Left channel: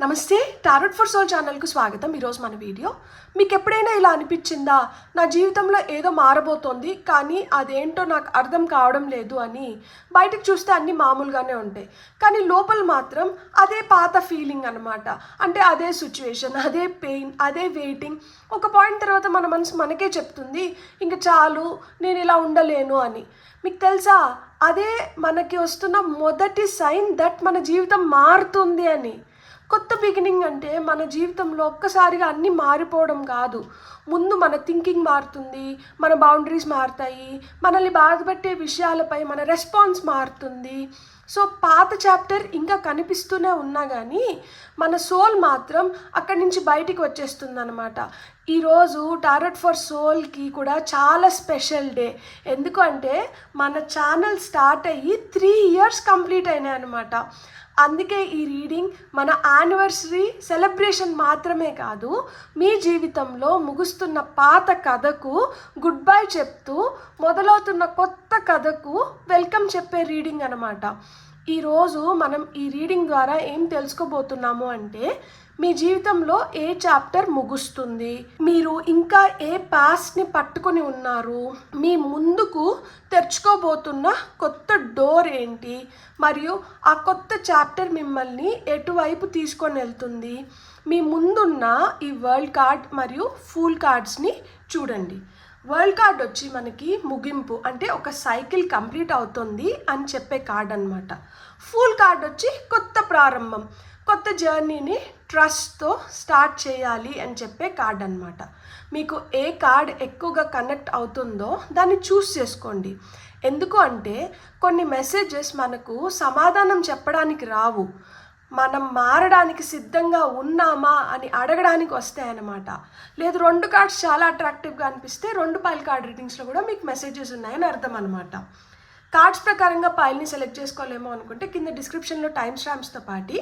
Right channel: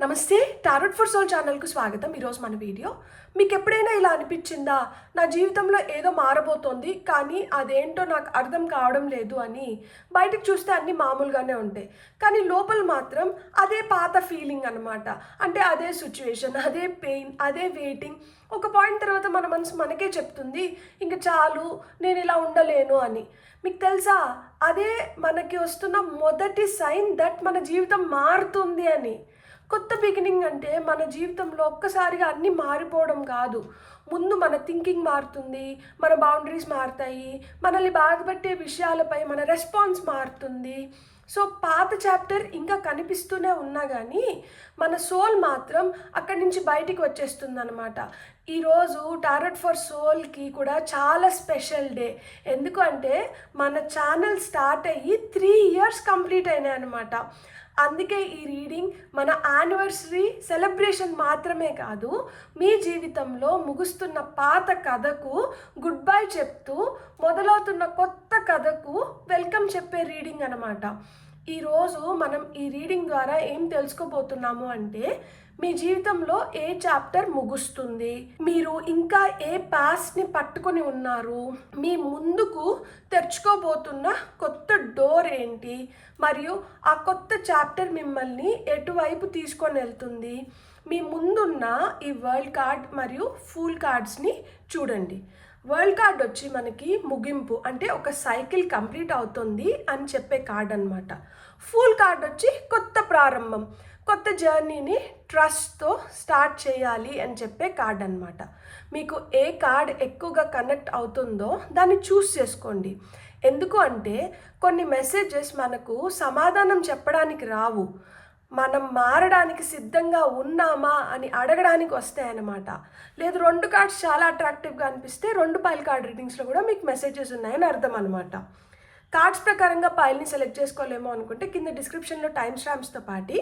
నమస్తే, tarot for soul ఛానల్కు స్వాగతం. ఈరోజు మన వీడియో మీకు ఎప్పుడైనా ఇలా అనిపించిందా, నా జీవితంలో ఏదో మారబోతోంది కానీ అదేంటో నాకు అర్థం కావడం లేదు అని. బయటకు చూస్తే అన్నీ మామూలుగానే ఉంటాయి కానీ లోపల మాత్రం అదే పాత ఫీలింగ్ అనమాట. అంటే అదే సిచ్యువేషన్, అదే పెయిన్, అదే వెయిటింగ్. ఒక పాయింట్ తర్వాత మన మనసు మనకే చెప్తుంది ఇంక చాలు, నేను ఇలా ఉండలేను అని. మీకు తెలుసా, అదే మనకి వస్తున్న మొదటి సైన్ దట్ మన జీవితం మారుతుంది అని. కొత్త బిగినింగ్ అంటే మన జీవితంలో ఒక్కసారిగా అన్నీ మారిపోవడం కాదు. ముందు మన థింకింగ్ మారుతుంది, మన బౌండరీస్ మారుతాయి, మనల్ని బాధపెట్టే విషయాలపై మన రెస్పాన్స్ మారుతుంది. సో పాత చాప్టర్ ఇంకా కనిపిస్తూనే ఉన్నా కానీ మన సోల్ మాత్రం అక్కడి నుంచి బయటికి వచ్చేస్తుంది అనమాట. ఈరోజు టారోట్ ఫర్ సోల్కి కూడా చాలా స్పెషల్ డే. ఎందుకు అంటే మన ఛానల్ స్టార్ట్ అయ్యి 3 years కంప్లీట్ అయినాయి అనమాట. అందుకే ఈ రీడింగ్ మన యానివర్సరీ సెలబ్రేషన్ మాత్రమే కాదు, మీ జీవితంలో ముగుస్తున్న పాత కథకు గుడ్ బై చెప్తూ మొదలవుతున్న కొత్త కథకు వెల్కమ్ చెప్పే రీడింగ్ అనమాట. ఈరోజు మనం ఈ రీడింగ్ ద్వారా ఏం తెలుసుకోబోతున్నాము అంటే, మీ జీవితంలో ఏ చాప్టర్ ముగుస్తుంది, మీరు ఇంకా ఏ పాస్ట్ని పట్టుకొని ఉన్నారు, మీ ముందుకు తెరుచుకోబోతున్న కొత్త డోర్ ఏంటి, మరియు ఆ కొత్త చాప్టర్ మిమ్మల్ని ఎటువైపు తీసుకొని వెళ్తుంది. మీ ముందున్న ఈ వరల్డ్ కార్డ్ మరియు ఫూల్ కార్డ్స్ని చూడండి. వరల్డ్ కార్డ్ వచ్చి మనకి ముగింపు, అంటే ఒక సైకిల్ కంప్లీట్ అవుతుంది అని చెప్పే కార్డ్ అనమాట. ఫూల్ కార్డ్ వచ్చి కొత్త ప్రారంభం, కొత్త జర్నీని ట్రస్ట్తో స్టార్ట్ చేయాలి అని చెప్పే కార్డ్ అనమాట. మీకు ఏ కార్డ్ ఎక్కువగా కనెక్ట్ అవుతుందో దాన్ని చూస్ చేసుకోండి. ఎందుకు అంటే కొన్ని మెసేజెస్ మనకు సమాధానం చెప్పడానికి రావు, మనం మారడానికి సిద్ధంగా ఉన్నామా అని అడగడానికి వస్తాయన్నమాట. లేదు 2 కార్డ్స్ చాలా అట్రాక్టివ్గా అనిపిస్తే 2 పైల్ కార్డ్ రీడింగ్స్లో కూడా మీకు మెసేజెస్ ఉన్నాయని అర్థం అనమాట. కార్డ్స్ ప్రకారంగా పైల్ని సెలెక్ట్ చేసుకోలేమో అనుకుంటే కింద డిస్క్రిప్షన్లో టైమ్ స్టాంప్స్తో పాటు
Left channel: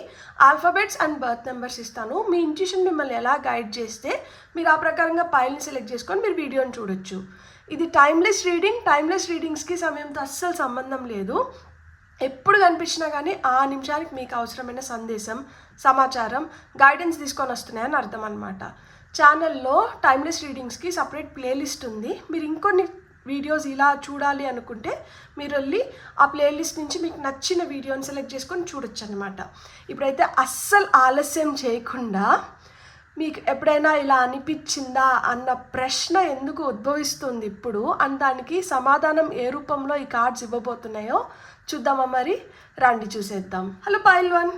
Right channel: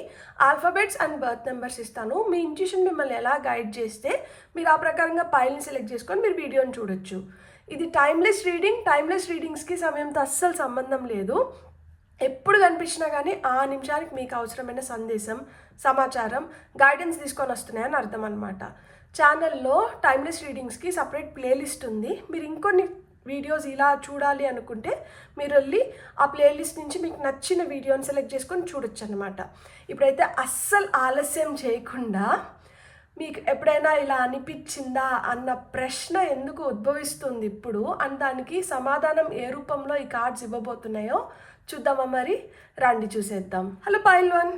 ఆల్ఫాబెట్స్ అండ్ బర్త్ నెంబర్స్ ఇస్తాను. మీ ఇంట్యూషన్ మిమ్మల్ని ఎలా గైడ్ చేస్తే మీరు ఆ ప్రకారంగా పైల్ని సెలెక్ట్ చేసుకొని మీరు వీడియోని చూడొచ్చు. ఇది టైమ్లెస్ రీడింగ్. టైమ్లెస్ రీడింగ్స్కి సమయంతో అస్సలు సంబంధం లేదు. ఎప్పుడు కనిపించినా కానీ ఆ నిమిషానికి మీకు అవసరమైన సందేశం, సమాచారం, గైడెన్స్ తీసుకొని వస్తున్నాయని అర్థం అనమాట. ఛానల్లో టైమ్లెస్ రీడింగ్స్కి సపరేట్ ప్లేలిస్ట్ ఉంది. మీరు ఇంకొన్ని వీడియోస్ ఇలా చూడాలి అనుకుంటే మీరు వెళ్ళి ఆ ప్లేలిస్ట్ నుంచి మీకు నచ్చిన వీడియోని సెలెక్ట్ చేసుకొని చూడొచ్చు అనమాట. ఇప్పుడైతే అస్సలు ఆలస్యం చేయకుండా, మీకు ఎప్పుడైనా ఇలా అనిపించిందా అన్న ప్రశ్న ఎందుకు ఉద్భవిస్తుంది ఇప్పుడు అని దానికి సమాధానం ఏ రూపంలో ఈ కార్డ్స్ ఇవ్వబోతున్నాయో చూద్దామా మరి? రండి చూసేద్దాం. హలో పైల్ 1,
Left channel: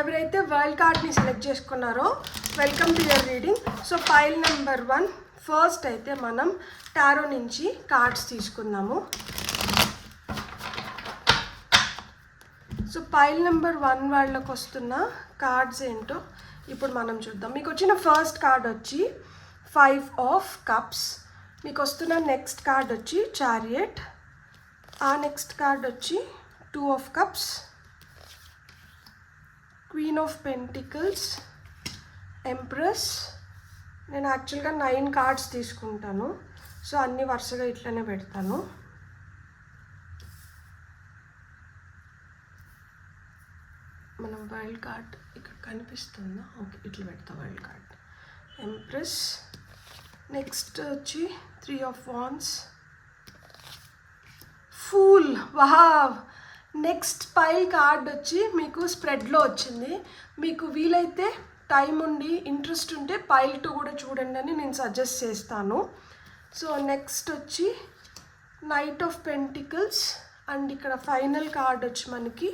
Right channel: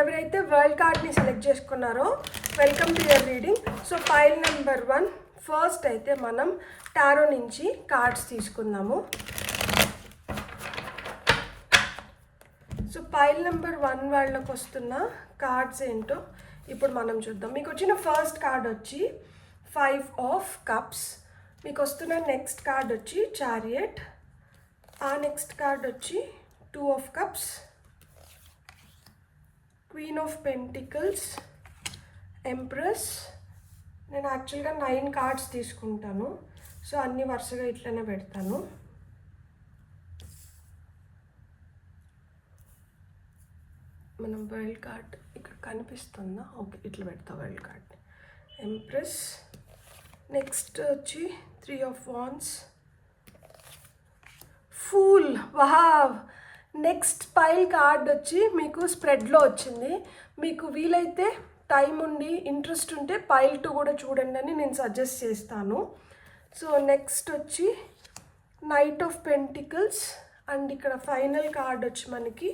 ఎవరైతే వరల్డ్ కార్డ్ని సెలెక్ట్ చేసుకున్నారో welcome to your reading. So pile number 1 first అయితే మనం టారో నుంచి కార్డ్స్ తీసుకుందాము. సో పైల్ నెంబర్ 1 వాళ్ళకి వస్తున్న కార్డ్స్ ఏంటో ఇప్పుడు మనం చూద్దాం. మీకు వచ్చిన ఫస్ట్ కార్డ్ వచ్చి 5 of Cups. మీకు వస్తున్న నెక్స్ట్ కార్డ్ వచ్చి చారియట్. ఆ నెక్స్ట్ కార్డ్ వచ్చి 2 of Cups, Queen of Pentacles, Empress. నేను యాక్చువల్గా 9 కార్డ్స్ తీసుకుంటాను, సో అన్నీ వరుసగా ఇట్లనే పెడతాను. మనం వరల్డ్ కార్డ్ ఇక్కడ కనిపిస్తుందా? ఓకే, ఇట్లా పెడతా వరల్డ్ కార్డ్. ఎంప్రెస్. నెక్స్ట్ వచ్చి 3 of Wands, fool. Wow! Next pile card వచ్చి మీకు స్ప్రెడ్లో వచ్చింది. మీకు వీలైతే టైం ఉండి ఇంట్రెస్ట్ ఉంటే పైల్ 2 కూడా చూడండి అని నేను సజెస్ట్ చేస్తాను. సో నెక్స్ట్ వచ్చి నైట్ ఆఫ్ పెంటికల్స్, అండ్ ఇక్కడ ఫైనల్ కార్డ్ వచ్చి మనకి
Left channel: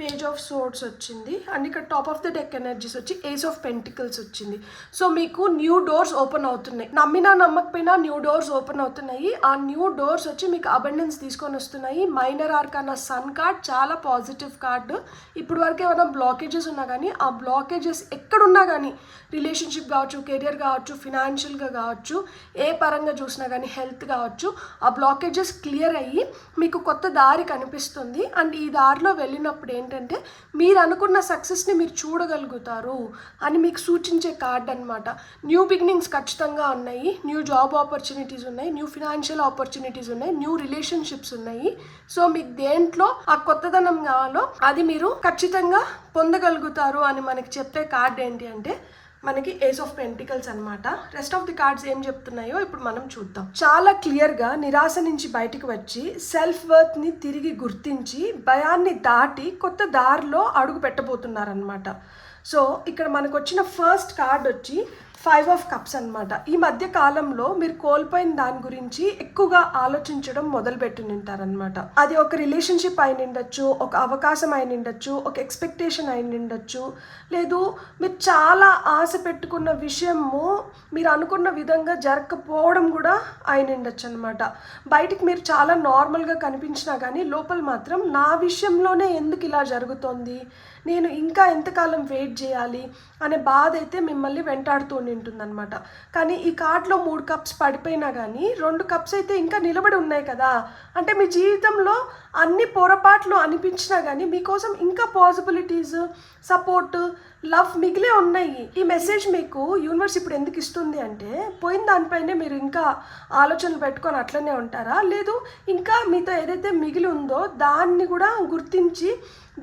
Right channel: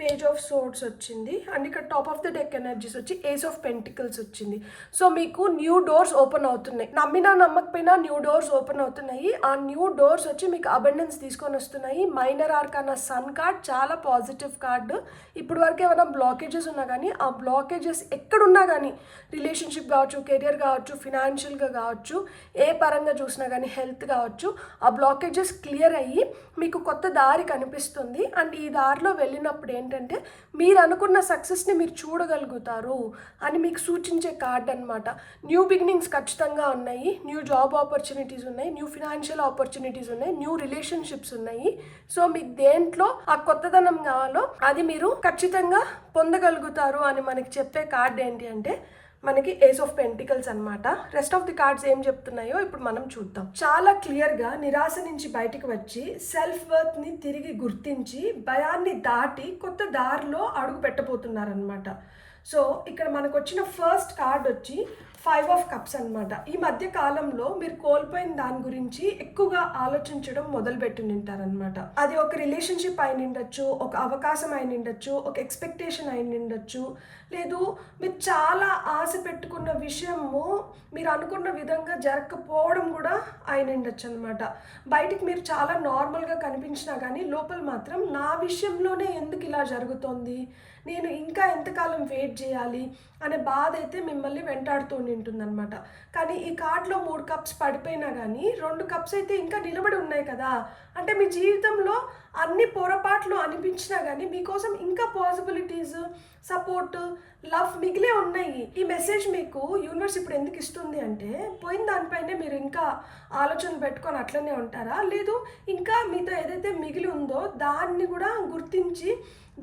పేజ్ ఆఫ్ సోర్డ్స్ వచ్చింది, అండ్ ఇక్కడ top of the deck energies వచ్చి ఏస్ ఆఫ్ పెంటికల్స్ వచ్చింది. సో మీకు న్యూ డోర్స్ ఓపెన్ అవుతున్నాయి. నమ్మినా నమ్మకపోయినా న్యూ డోర్స్ ఓపెన్ అవుతున్నాయి. ఆ న్యూ డోర్స్ వచ్చి మీకు అబండెన్స్ తీసుకొని వస్తున్నాయి. మైనర్ ఆర్కానా సన్ కార్డ్ చాలా పాజిటివ్ కార్డు. ఇప్పుడు వరకు ఏమైనా బ్లాకేజెస్ ఉన్నా కానీ ఆ బ్లాకేజెస్ ఎక్కడున్నా కానీ, రిలేషన్షిప్ కావచ్చు, కెరియర్ కావచ్చు, ఫినాన్షియల్గా కావచ్చు, ఏ పరంగా చూసినా కానీ, హెల్త్ కావచ్చు, ఆ బ్లాకేజెస్ క్లియర్ అయ్యి మీకు కొత్త దారి కనిపిస్తుంది. అండ్ ఈ దారిలో వెళ్ళినప్పుడు ఏంటంటే మీరు అనుకున్న సక్సెస్ని మీరు చూడగలుగుతారు అని మీకు సూచించే కార్డ్ అనమాట. న్యూ బిగినింగ్స్ ఖచ్చితంగా ఉన్నాయి, న్యూ జాబ్ ఆపర్చునిటీస్ ఉన్నాయి, న్యూ ఫినాన్షియల్ ఆపర్చునిటీస్ ఉన్నాయి, న్యూ రిలేషన్షిప్స్ ఉన్నాయి. సో మీకు దేంట్లో ఆ కొత్తదనం కావాలో అది మీరు ఖచ్చితంగా పొందగలుగుతారు అని మనకి చెప్పే కార్డ్ ఏంటి అంటే మనకి ఏస్ ఆఫ్ పెంటికల్స్ అనమాట. రెస్ట్ ఆఫ్ ది కార్డ్స్ ఏం చెప్తున్నాయో ఇప్పుడు మనం చూద్దాం. చాలా క్లియర్గా నిరాశ నుంచి బయటకు వచ్చి సెల్ఫ్ వర్త్ని తిరిగి గుర్తించి భయాన్ని దాటి కొత్త దారిలో అడుగు పెట్టబోతున్నారనమాట. సో ఇక్కడ మనకు వచ్చిన ఫస్ట్ కార్డ్ వచ్చి 5 ఆఫ్ కప్స్ అనమాట. ఈ మధ్య కాలంలో మీరు కోల్పోయిన దాని గురించి ఎక్కువగా ఆలోచించడం మొదలుపెట్టి ఉంటారనమాట. అది ఒక రిలేషన్షిప్ అయి ఉండొచ్చు, ఒక అవకాశం అయి ఉండొచ్చు, ఒక ఎక్స్పెక్టేషన్ అయి ఉండొచ్చు, లేదు మీరు చాలా ఆశ పెట్టుకున్న విషయము మీరు అనుకున్న విధంగా జరగకపోవడం కూడా అయి ఉండొచ్చు అనమాట. బయటికి మీరు చాలా నార్మల్గా కనిపించినా కానీ లోపల మాత్రం నా విషయంలోనే ఎందుకు ఇలా జరుగుతోంది, నేను ఇంకా ఎంతకాలం వెయిట్ చేయాలి అనే బాధ అయితే మిమ్మల్ని వెంటాడుతూ ఉంటుందన్నమాట. కానీ ఈ కార్డ్లో 3 కప్స్ పడిపోయినా కానీ 2 కప్స్ అయితే ఇంకా నిలబడి ఉన్నాయి కదా. అంటే మీ జీవితంలో అన్ని పొరపాట్లు అనిపించినా కానీ మీకోసం ఇంకా పాసిబిలిటీస్, సపోర్ట్, లవ్ మిగిలే ఉన్నాయి. ఈ మెసేజ్ మీకు యూనివర్స్ ఇప్పుడు ఎందుకు ఇస్తుంది అంటే పోయిన దానిపైనే మీరు ఇంకా ఆలోచనలు పెట్టుకొని అట్లనే ఉంటారా, లేదు ఇంకా మీతో ఏదైతే మిగిలి ఉందో దాన్ని కూడా గుర్తించి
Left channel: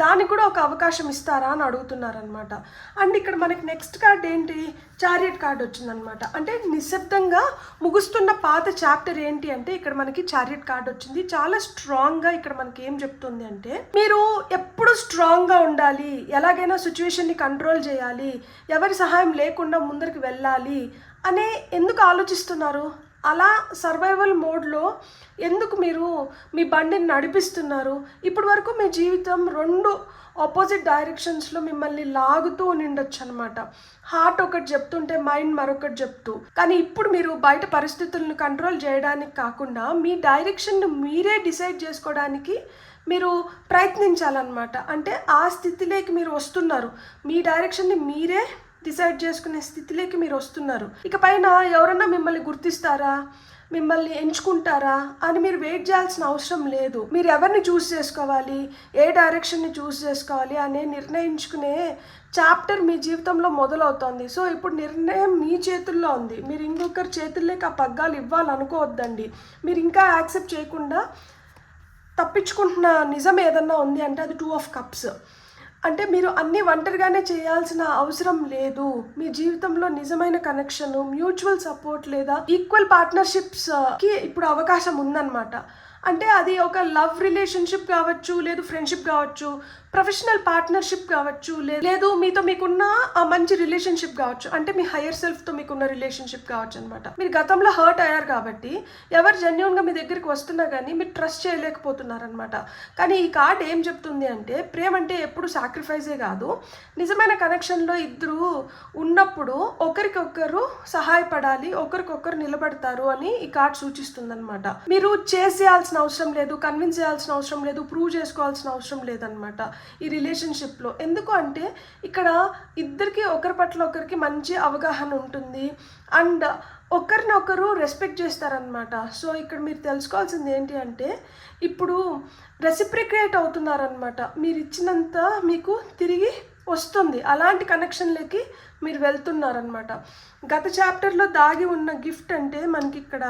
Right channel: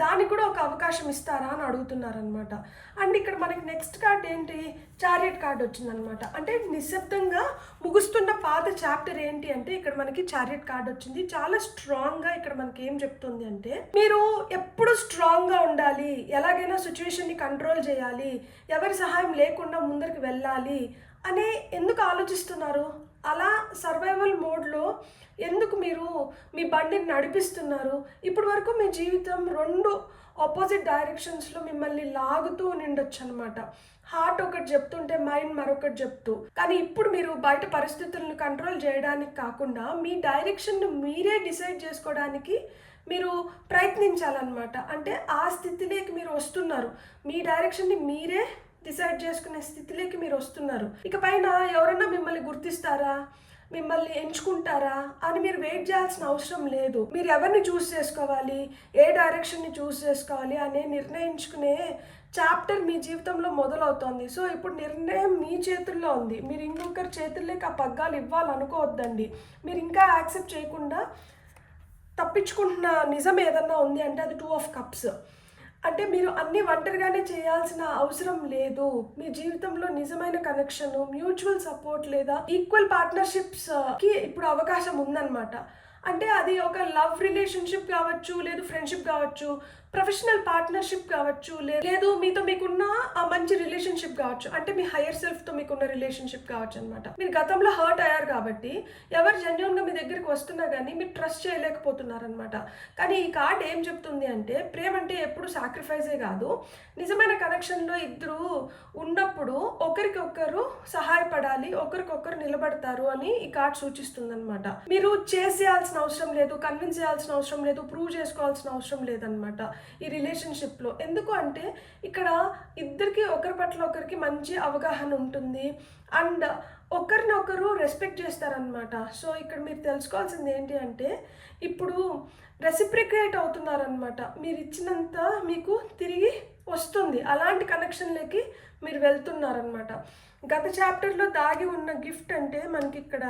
దానికి కూడా ఒక అవకాశం ఇస్తారా అని అడుగుతున్నారనమాట. అండ్ ఇక్కడ మనకి నెక్స్ట్ కార్డ్ ఏంటి, చారియట్ కార్డ్ వచ్చిందనమాట. అంటే నిశ్శబ్దంగా ముగుస్తున్న పాత చాప్టర్ ఏంటి అంటే ఇక్కడ మనకి చారియట్ కార్డ్ వచ్చింది. చాలా స్ట్రాంగ్గా ఇక్కడ మనకి ఏం చెప్తుంది అంటే మీరు ఎప్పుడు స్ట్రాంగ్గా ఉండాలి, ఎలాగైనా సిచ్యువేషన్ని కంట్రోల్ చేయాలి, ఎవరి సహాయం లేకుండా ముందరికి వెళ్ళాలి అనే ఎందుకు ఆలోచిస్తున్నారు. అలా సర్వైవల్ మోడ్లో ఎందుకు మీరు మీ బండిని నడిపిస్తున్నారు. ఇప్పటి వరకు మీ జీవితం 2 ఆపోజిట్ డైరెక్షన్స్లో మిమ్మల్ని లాగుతూ ఉండొచ్చు అనమాట. హార్ట్ ఒకటి చెప్తుంటే మైండ్ మరొకటి చెప్తూ. కానీ ఇప్పుడు మీరు బయట పరిస్థితులను కంట్రోల్ చేయడానికి కాకుండా మీ డైరెక్షన్ను మీరే డిసైడ్ చేసుకోవడానికి మీరు ప్రయత్నించాలన్నమాట. అంటే ఆ స్థితిలోకి మీరు వస్తున్నారు, మీ డైరెక్షన్ని మీరే డిసైడ్ చేసుకునే స్థితిలోకి మీరు వస్తున్నారు. ఇక పైన ఎవరన్నా మిమ్మల్ని గుర్తిస్తారా, మిమ్మల్ని ఎంచుకుంటారా అని మీరు వెయిట్ చేయాల్సిన అవసరం లేదు. మీరు ఎవరిని చూస్ చేసుకోవాలి, ఏ డైరెక్షన్ని చూస్ చేసుకోవాలి అనే నిర్ణయించుకునే చాప్టర్ మీ జీవితంలో మొదలవుతోంది. సో ఇప్పుడు నిర్ణయం మీ చేతుల్లో ఉంది. మీరు ఇంకొకరి చేతుల్లోకి ఆ పగ్గాలు ఇవ్వాలనుకోవద్దండి. మీరు ఇంకా యాక్సెప్ట్ చేయకుండా తప్పించుకుంటున్న నిజం ఏదన్నా ఉంది అంటే అది 2 ఆఫ్ కప్స్. అంటే మీరు అన్నీ ఒంటరిగానే చేయాల్సిన అవసరం లేదు. మీ జీవితంలో నిజమైన కనెక్షన్, మ్యూచువల్ సపోర్ట్ లేదా ఈక్వల్ పార్ట్నర్షిప్స్కి ఇప్పుడు అవకాశం ఉందన్నమాట. అంటే అది ఒక లవ్ రిలేషన్షిప్ కావచ్చు, లేదు ఫ్రెండ్షిప్ కావచ్చు, ప్రొఫెషనల్ పార్ట్నర్షిప్ కావచ్చు, లేదు మీతో మీకున్న ఆ మంచి రిలేషన్షిప్ కావచ్చు, అంటే మీ హయ్యర్ సెల్ఫ్తో మీకున్న రిలేషన్షిప్ కావచ్చు అనమాట. మీరు గతంలో హర్ట్ అయ్యారు కాబట్టి ఎవరు జెన్యూన్గా మీ దగ్గరికి వస్తున్నా కానీ మీరు ట్రస్ట్ చేయలేకపోతున్నారనమాట. కానీ ఈ కార్డ్ ఏం చెప్తుంది అంటే ప్రేమ అంటే ఎప్పుడు సాక్రిఫైజే కాదు, నిజమైన కనెక్షన్లో ఇద్దరు ఉన్నప్పుడు ఒకరికొకరు సహాయపడాలి, ఒకరికొకరు నిలబడతారు అని ఈ కార్డ్ సూచిస్తుంది అనమాట. మీరు చేయాల్సిన అవసరం లేదు, కన్విన్స్ చేయాల్సిన అవసరం లేదు, ప్రూవ్ చేసుకోవాల్సిన అవసరం లేదనమాట ఈ రిలేషన్షిప్లో. ఎందుకు అంటే ఇక్కడ ఇద్దరికి ఒకరి పట్ల ఒకరికి మంచి అవగాహన ఉంటుంది అండ్ ఒకరినొకరు రెస్పెక్ట్ చేస్తారనమాట. సో ఇక్కడ మీరు తెలుసుకోవాల్సింది ఏంటి అంటే ఇప్పుడు రెసిప్రికేట్ అవుతున్నారనమాట. మీరు ఇచ్చినంత మీకు తిరిగి వస్తుంది, అలాంటి కనెక్షన్లకి మీరు వెళ్తున్నారనమాట. గత చాప్టర్లో దాగి ఉన్న గిఫ్ట్ అంటే మనకి ఇక్కడ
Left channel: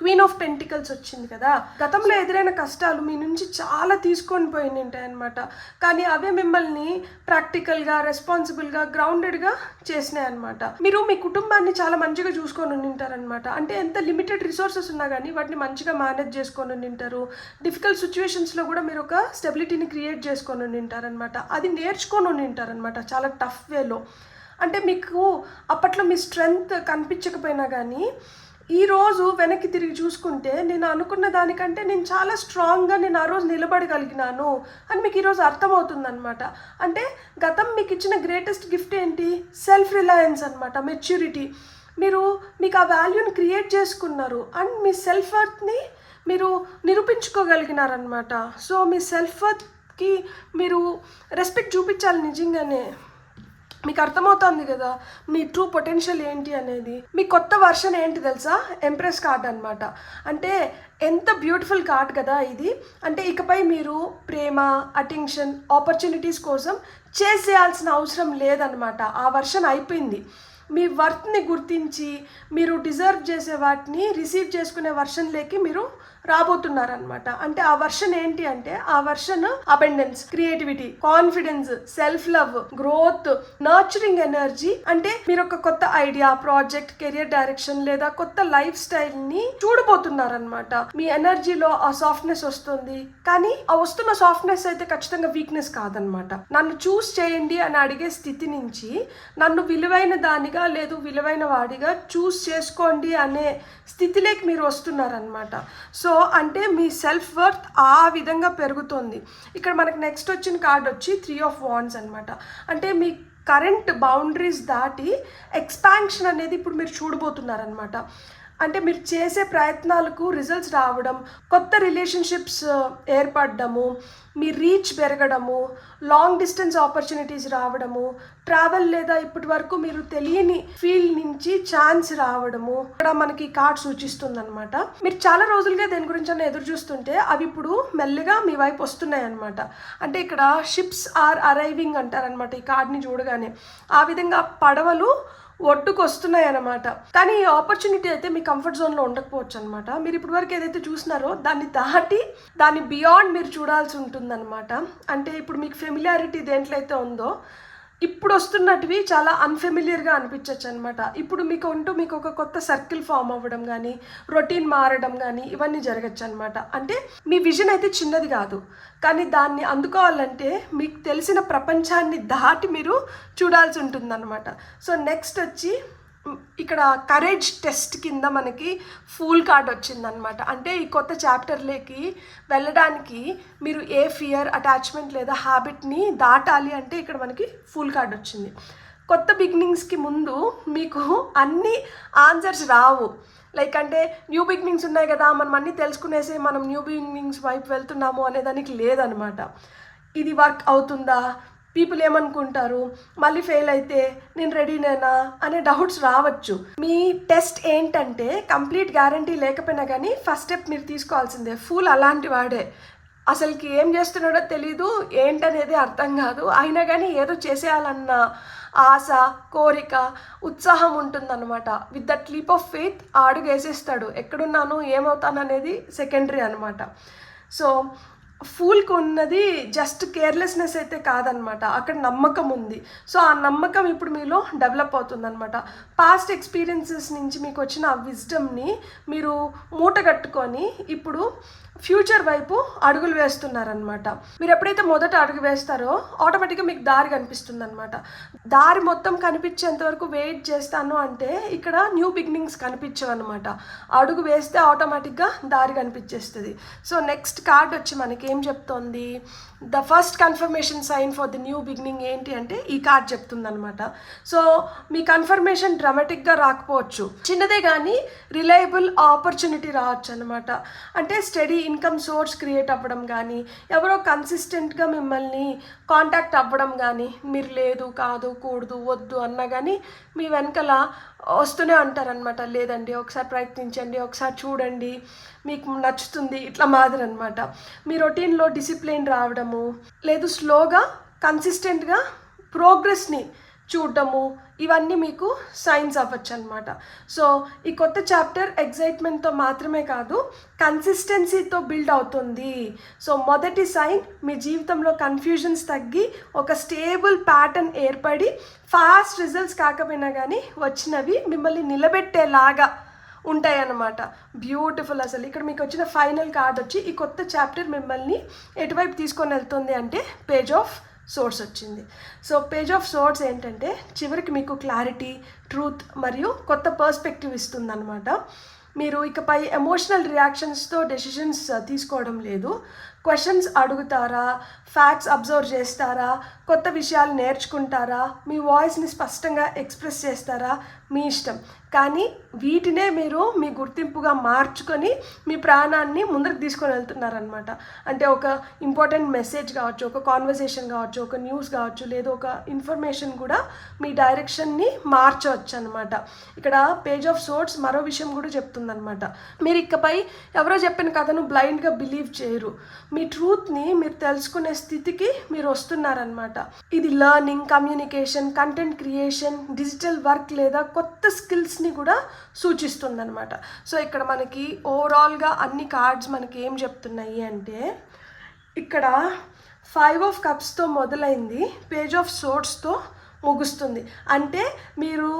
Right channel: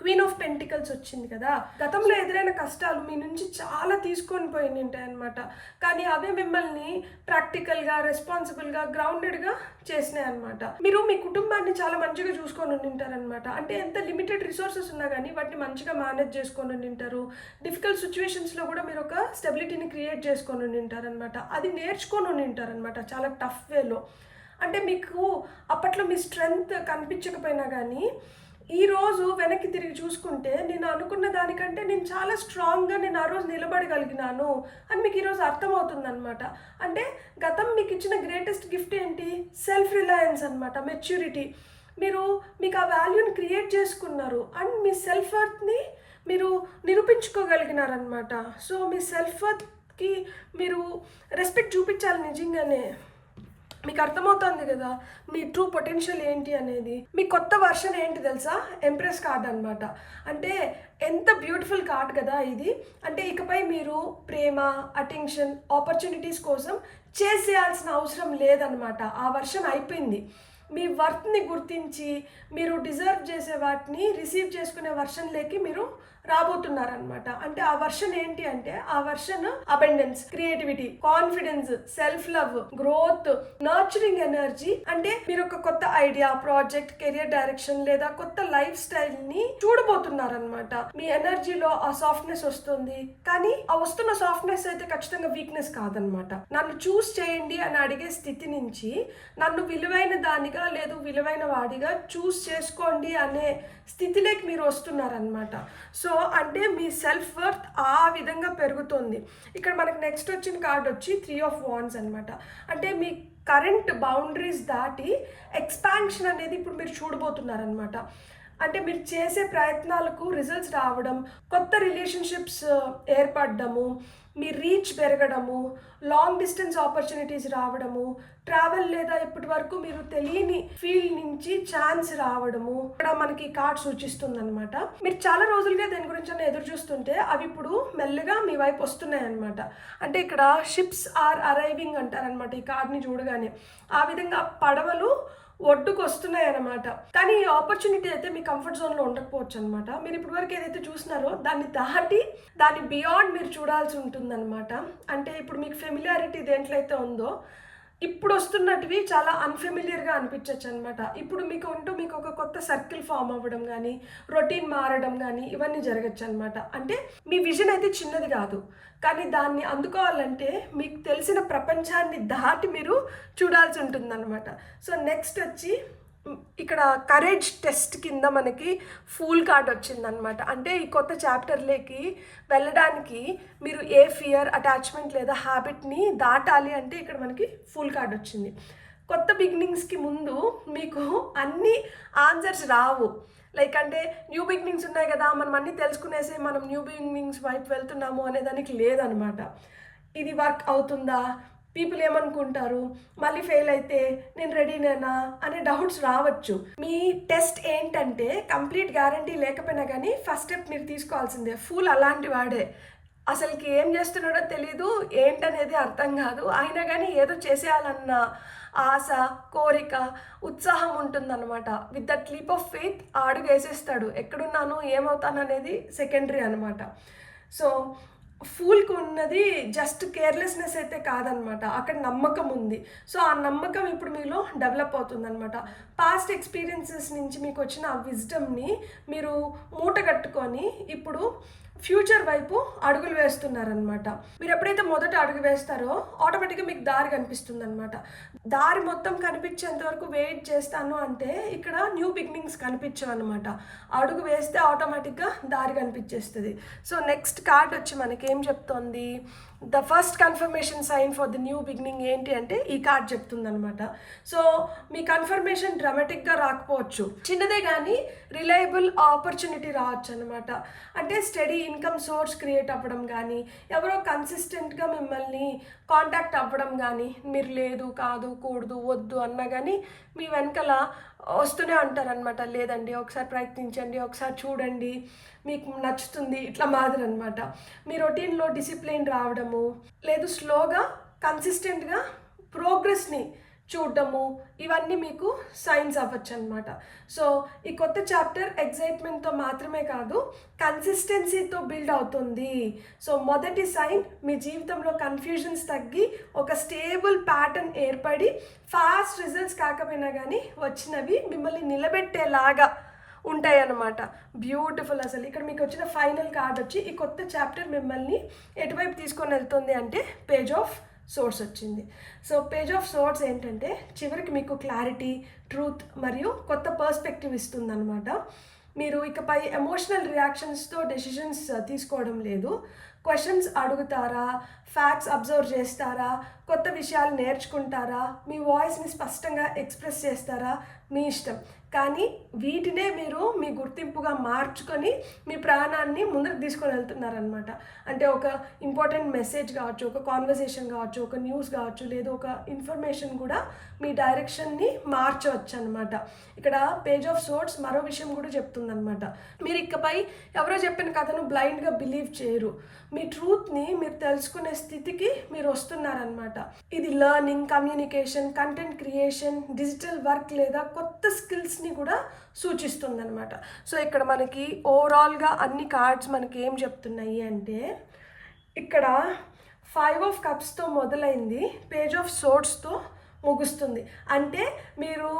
క్వీన్ ఆఫ్ పెంటికల్స్ వచ్చింది కదా. గతంలో ఎదురైన కష్టాలు మీ నుంచి చాలా తీసుకొని పోయి ఉంటాయి అనమాట. కానీ అవే మిమ్మల్ని ప్రాక్టికల్గా, రెస్పాన్సిబుల్గా, గ్రౌండెడ్గా చేసినాయి అనమాట. మీరు మీ కుటుంబాన్ని చాలా మంచిగా చూసుకొని ఉంటారనమాట. అంటే ఎంత లిమిటెడ్ రిసోర్సెస్ ఉన్నా కానీ వాటిని మంచిగా మేనేజ్ చేసుకొని ఉంటారు. డిఫికల్ట్ సిచ్యువేషన్స్లో కూడా మీరు ఒక స్టెబిలిటీని క్రియేట్ చేసుకొని ఉంటారనమాట. అది నేర్చుకొని ఉంటారనమాట చాలా టఫ్ వేలో. అంటే మీకు అప్పట్లో మీ స్ట్రెంగ్త్ కనిపించకపోయినా కానీ ఈరోజు వెనక్కి తిరిగి చూసుకుంటే నేను అనుకున్న దానికంటే నేను చాలా స్ట్రాంగ్గా నేను ఆ రోజు నిలబడగలిగినాను అని మీకు ఈరోజు అర్థమవుతుందనమాట. అంటే గతం మీకు ఇచ్చిన గ్రేటెస్ట్ గిఫ్ట్ ఏంటి, సెల్ఫ్ రిలయన్స్ అనమాట, మెచ్యూరిటీ. మీకు ఆ వాల్యూని క్రియేట్ చేసుకున్నారు అండ్ మీ సెల్ఫ్ వర్త్ని మీరు నిరూపించుకోగలిగినారనమాట. సో మీ సెల్ఫ్ వర్త్కి మీరు రెస్పెక్ట్ చూపించాలి నిజంగానే. మీకు అర్థమవుతుంది కదా మీ ట్రూ పొటెన్షియల్ ఏంటి అనేది. మీ కొత్త వర్షన్ ఏంటి తెలుసా? ఎంప్రెస్ కార్డ్ అనమాట. అంటే ఎంత బ్యూటిఫుల్ కార్డ్ కదా ఇది. అంటే ఇకపై మీరు ప్రేమ, అటెన్షన్, ఆపర్చునిటీస్ కోసం చేయాల్సిన అవసరం లేదనమాట. ఆ వర్షన్ అయిపోయింది. మీ వర్త్ని గుర్తించి మీరు డిజర్వ్ చేసే వాటిని రిసీవ్ చేసుకునే వర్షన్లోకి మీరు రాబోతున్నారనమాట. అంటే ఆ వర్షన్ ఏంటి అంటే ఆ version abundance, creativity, confidence, self love, growth, nurturing energy. అంటే మీరు ఒక కొత్త ఐడియా, ప్రాజెక్ట్, కెరియర్ డైరెక్షన్ లేదా కొత్త లైఫ్ స్టైల్ ని చూడబోతున్నారనమాట. మీ ఎనర్జీలో ఆ సాఫ్ట్నెస్ వస్తుంది. కానీ ఆ వస్తున్న సాఫ్ట్నెస్ అయితే ఖచ్చితంగా వీక్నెస్ కాదనమాట. నన్ను చూస్ చేయండి అని అడిగే స్థితి నుంచి నన్ను విలువైన దానిగా లేదు విలువైన వాడిగా చూస్ చేసుకోండి అనే స్థితిలోకి మీరు వస్తున్నారనమాట. సో అంటే మీ సెల్ఫ్ వర్త్ ఆ విధంగా పెరుగుతుంది. ఇక్కడ మనకి నెక్స్ట్ వచ్చిన కార్డ్ వచ్చి 3 of Wands అనమాట. అంటే మీ కరెంట్ బౌండరీస్ దాటి ఎక్స్పాన్షన్ అనేది ఇప్పుడు మీరు చూడబోతున్నారనమాట. అంటే మీరు చేసే ప్రయత్నాలకు రిజల్ట్స్ రావడం, కొత్త రిలేషన్షిప్స్ ఏర్పడము, మీ రీచ్ పెరగడము, లాంగ్ డిస్టెన్స్ ఆపర్చునిటీస్ రావడము, ట్రావెల్ లేదా ఇప్పటి వరకు మీరు తెలియని ఫీల్డ్ నుంచి ఛాన్స్ రావడము ఇక్కడ మనకి కార్డ్ సూచిస్తుంది అనమాట. మీరు చాలా రోజులుగా దేని గురించి ఎదురు చూస్తుంటే అవి ఇప్పుడు మెల్లగా మీ వైపు వస్తున్నాయి అనమాట. అంటే ఇక్కడ షిప్స్ ఆర్ అరైవింగ్ అంటారనమాట ఈ కార్డ్ని చూడగానే. ఆ విధంగా పడవలు ఒడ్డుకు వస్తున్నాయి అన్నమాట. కానీ ఈ ఆపర్చునిటీ అయితే మీ కంఫర్ట్ జోన్లో ఉండకపోవచ్చు అనమాట. మీరు ఇప్పటి వరకు ఏదైతే చూసినారో దాన్ని దాటి దాన్ని బియాండ్ మీరు చూడాల్సి ఉంటుందన్నమాట. అంటే ఇప్పుడు మీకు ఫెమిలియారిటీ దేంట్లో అయితే ఉందో ఇప్పుడు వస్తున్నటివి చాలా అన్ఫెమిలియర్గా అనిపించవచ్చు అనమాట. ఇప్పుడు మీకు ఒక కొత్త సర్కిల్ ఫామ్ అవ్వడం కానీ, రొటీన్ మారడం కానీ ఇవన్నీ జరగచ్చు అనమాట. అంటే మీ విజన్ అయితే చిన్నది కాదు, కానీ దాన్ని అందుకోవాలంటే మీకు తెలిసిన ప్రపంచాన్ని దాటి మీరు చూడాల్సి ఉంటుందన్నమాట. సో నెక్స్ట్ వచ్చి ఇక్కడ కరేజ్ టెస్ట్ కింద మనకి ఫూల్ కార్డ్ వచ్చిందనమాట. అంటే ఈ కొత్త చాప్టర్లోకి వెళ్ళడానికి మీరు ఏ ఫియర్, అటాచ్మెంట్ లేదా హ్యాబిట్ని దాటాలి అంటే ఇక్కడ మనకి ఫూల్ కార్డ్ వచ్చింది. కొత్త బిగినింగ్స్కి ముందు మీకు అన్ని ఆన్సర్స్ రావు. లైక్ అంటే న్యూ బిగినింగ్స్ ఉన్నాయి కదా, మనం అన్నీ తెలుసుకునేసి మనం న్యూ బిగినింగ్స్ వైపు వెళ్తున్నాము అనే దానికి లేదనమాట. ఇది వర్క్ అవుతుందా, పీపుల్ ఏమనుకుంటారు, మళ్ళీ ఫెయిల్ అయితే నేను రెడీనేనా అనే డౌట్స్ రావచ్చు. మీ టెస్ట్ ఏంటంటే కంప్లీట్ గ్యారంటీ లేకపోయినా కానీ ఫస్ట్ స్టెప్ మీరు తీసుకోవాల్సిందే. ఫూల్ అలాంటి వాడే, అసలుకి ఏం చేస్తున్నాడో తెలీదు, ఏంటనేది అర్థం కాదు, అయినా కానీ ఏదో చేసేయాలన్న ఆశ, కోరిక, ఉత్సాహం ఉంటుందన్నమాట. With that leap of faith అడుగు వేసేస్తాడు. ఎక్కడున్నాను, ఏమవుతాను అనేది సెకండరీ అనమాట. సో ఫూల్కి ఉన్నది జస్ట్ కేర్లెస్నెస్ అయితే కాదనమాట, అక్కడ నమ్మకం ఉంది. సో ఆ నమ్మకం ఇప్పుడు మీలో డెవలప్ అవుతుందన్నమాట. పాస్ట్ ఎక్స్పీరియన్సెస్ నుంచి మీకు వచ్చిన ఆ విజ్డమ్ని మీరు మూట కట్టుకొని ఇప్పుడు ఫ్యూచర్ వైపు అడుగులు వేస్తున్నారనమాట. మీరు ఎప్పుడైతే మొదట అడుగు వేస్తారో ఆటోమేటిక్గా మీకు దారి కనిపిస్తుంది అనమాట. దారి మొత్తం కనిపించేంత వరకు వెయిట్ చేస్తాను అంటే ఇక్కడ న్యూ బిగినింగ్స్ కనిపించవు అనమాట. అడుగు వేస్తే ఆటోమేటిక్గా దారి కనిపించేస్తుంది. సో నెక్స్ట్ కార్డ్ వచ్చి మనకి ఏం చెప్తోంది, the first confirmation sign for the new beginning ఏంటి అంటే ఈ కార్డ్ చెప్తుంది అనమాట. సో మీ కన్ఫర్మేషన్ డ్రామాటిక్గా రాకపోవచ్చు, చిన్నదే కానీ రిలయబుల్ ఆపర్చునిటీ రావచ్చు అనమాట. అంటే స్టడీ ఇన్కమ్ సోర్స్ క్రియేట్ అవ్వడం కానీ, ఎవరో కన్సిస్టెంట్గా మిమ్మల్ని కాంటాక్ట్ అవ్వడం కానీ, మీరు లేదు, కాదు, కూడదు, వద్దు అన్నా కానీ మీ వెనకాల వస్తూనే ఉంటారనమాట. లేదండి ఒకసారి ప్రయత్నించండి, ఒకసారి చూడండి, మీకు నచ్చుతుంది, ఇట్లా మాదిరి అనమాట. మీ రొటీన్లో డిసిప్లిన్ రావడము, లేదు స్లోగా కన్సిస్టెంట్గా ప్రోగ్రెస్ని చూడటము, ఇవన్నీ మీకు సైన్స్ అవ్వచ్చు అనమాట. సో ఈ కొత్త చాప్టర్ ఎగ్జైట్మెంట్తో మాత్రమే కాదు కన్సిస్టెన్సీతో బిల్డ్ అవుతుంది. సో మొదటి సైన్ మీ జీవితంలో కన్ఫ్యూజన్స్ తగ్గి ఒక స్టేబుల్ ప్యాటర్న్ ఏర్పడి ఫాస్ట్ రిజల్ట్స్ కాకపోయినా కానీ వచ్చినవి మిమ్మల్ని నిలబెట్టేలాగా ఉంటాయన్నమాట. బ్యూటిఫుల్. అసలు ఇక్కడ మీకు వచ్చిన ఫైనల్ కార్డ్ వచ్చి ఈ కొత్త చాప్టర్ మిమ్మల్ని ఎటువైపు తీసుకొని వెళ్తుంది అంటే పేజ్ ఆఫ్ సోర్స్ వచ్చింది. సో పేజ్ ఆఫ్ సోర్స్ ఏంటంటే చివరికి మీకు క్లారిటీ, ట్రూత్ మరియు కొత్త పర్స్పెక్టివ్ ఇస్తుందన్నమాట. మీరు ఇకపై ఎమోషనల్ రియాక్షన్స్తో డెసిషన్స్ తీసుకోవడం లేదు. క్వశ్చన్స్ అడుగుతారా, ఫ్యాక్ట్స్ అబ్జర్వ్ చేస్తారా, కొత్త విషయాలు నేర్చుకుంటారా, మీ వాయిస్ని స్పష్టంగా ఎక్స్ప్రెస్ చేస్తారా, మీ ఇష్టం. కానీ వీటినే మీరు మీ గుర్తింపుగా మార్చుకొని మీ ప్రాణాన్ని ముందుకు తీసుకొని వెళ్తున్నారనమాట. అంటే ఒక ఇంపార్టెంట్ మెసేజ్ కావచ్చు, ఒక కాన్వర్సేషన్ కావచ్చు, ఒక న్యూస్ కావచ్చు, లేదా ఒక ఇన్ఫర్మేషన్ కూడా మీ డైరెక్షన్ని మార్చవచ్చు అనమాట. ఇక్కడ పేజ్ ఆఫ్ సోర్డ్స్ మరో విషయం కూడా చెప్తుందనమాట. మీరు ఇకపై ఎవరో చెప్పిన కథను బ్లైండ్గా బిలీవ్ చేయరు. మీ ట్రూత్ని మీరు తెలుసుకునే స్థితికి మీరు వస్తున్నారనమాట. ఇది learning, communication, content creation, digital work లేదా కొత్త స్కిల్స్ని కూడా సూచిస్తుందన్నమాట. సో ఇక్కడ మనకి ఓవరాల్గా అన్ని కార్డ్స్ మనకి ఏం చెప్తున్నాయి అంటే, ఇక్కడ 5 ఆఫ్ కప్స్తో మొదలైంది పేజ్ ఆఫ్ సోర్డ్స్తో ముగుస్తుంది. అంటే మీరు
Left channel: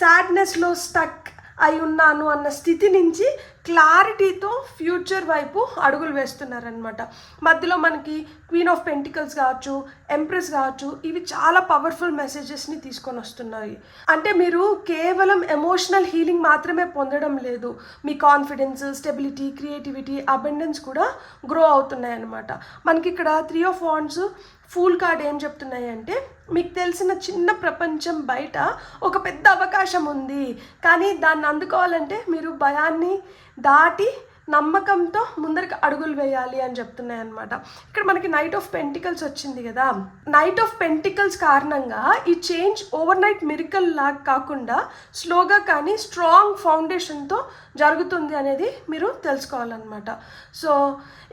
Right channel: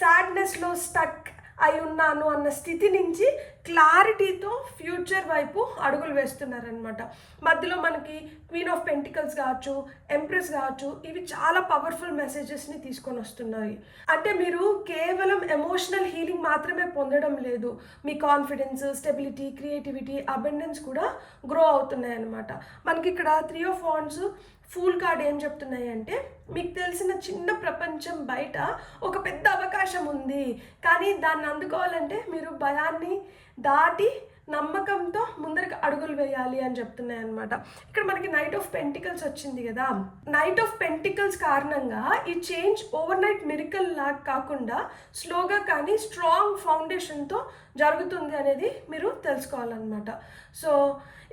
సాడ్నెస్లో స్టక్ అయి ఉన్నాను అన్న స్థితి నుంచి క్లారిటీతో ఫ్యూచర్ వైపు అడుగులు వేస్తున్నారనమాట. మధ్యలో మనకి క్వీన్ ఆఫ్ పెంటికల్స్ కావచ్చు, ఎంప్రెస్ కావచ్చు, ఇవి చాలా పవర్ఫుల్ మెసేజెస్ని తీసుకొని వస్తున్నాయి. అంటే మీరు కేవలం ఎమోషనల్ హీలింగ్ మాత్రమే పొందడం లేదు, మీ కాన్ఫిడెన్స్, స్టెబిలిటీ, క్రియేటివిటీ, అబెండెన్స్ కూడా గ్రో అవుతున్నాయి అన్నమాట. మనకి ఇక్కడ 3 ఆఫ్ వాండ్స్ ఫూల్ కార్డ్ ఏం చెప్తున్నాయి అంటే, మీకు తెలిసిన చిన్న ప్రపంచం బయట ఒక పెద్ద అవకాశం ఉంది, కానీ దాన్ని అందుకోవాలంటే మీరు భయాన్ని దాటి నమ్మకంతో ముందరికి అడుగులు వేయాలి అని చెప్తున్నాయి అనమాట. ఇక్కడ మనకి నైట్ ఆఫ్ పెంటికల్స్ వచ్చింది కదా. నైట్ ఆఫ్ పెంటికల్స్ కారణంగా ఈ చేంజ్ ఓవర్ నైట్ మిరికల్ లాగా కాకుండా స్లోగా కానీ స్ట్రాంగ్ ఫౌండేషన్తో జరుగుతుంది అనేది మీరు తెలుసుకోవాలన్నమాట. సో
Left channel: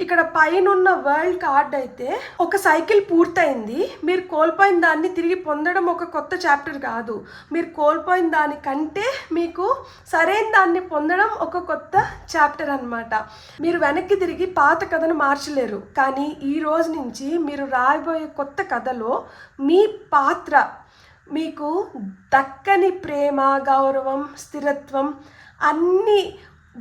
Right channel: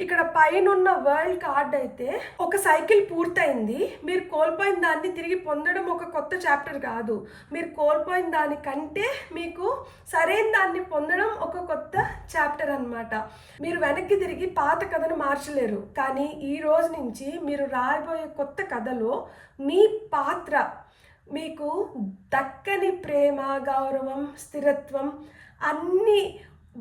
ఇక్కడ పైన ఉన్న వరల్డ్ కార్డ్ అయితే ఒక సైకిల్ పూర్తయింది. మీరు కోల్పోయిన దాన్ని తిరిగి పొందడం ఒక కొత్త చాప్టర్ కాదు, మీరు కోల్పోయిన దానికంటే మీకు సరైన దాన్ని పొందడం ఒక కొత్త చాప్టర్ అన్నమాట. మీరు వెనక్కి తిరిగి పాత కథను మార్చలేరు, కానీ ఈ రోజు నుంచి మీరు రాయబోయే కొత్త కథలో మీ పాత్ర మీకు దక్కని ప్రేమ, గౌరవం, స్థిరత్వం అన్నీ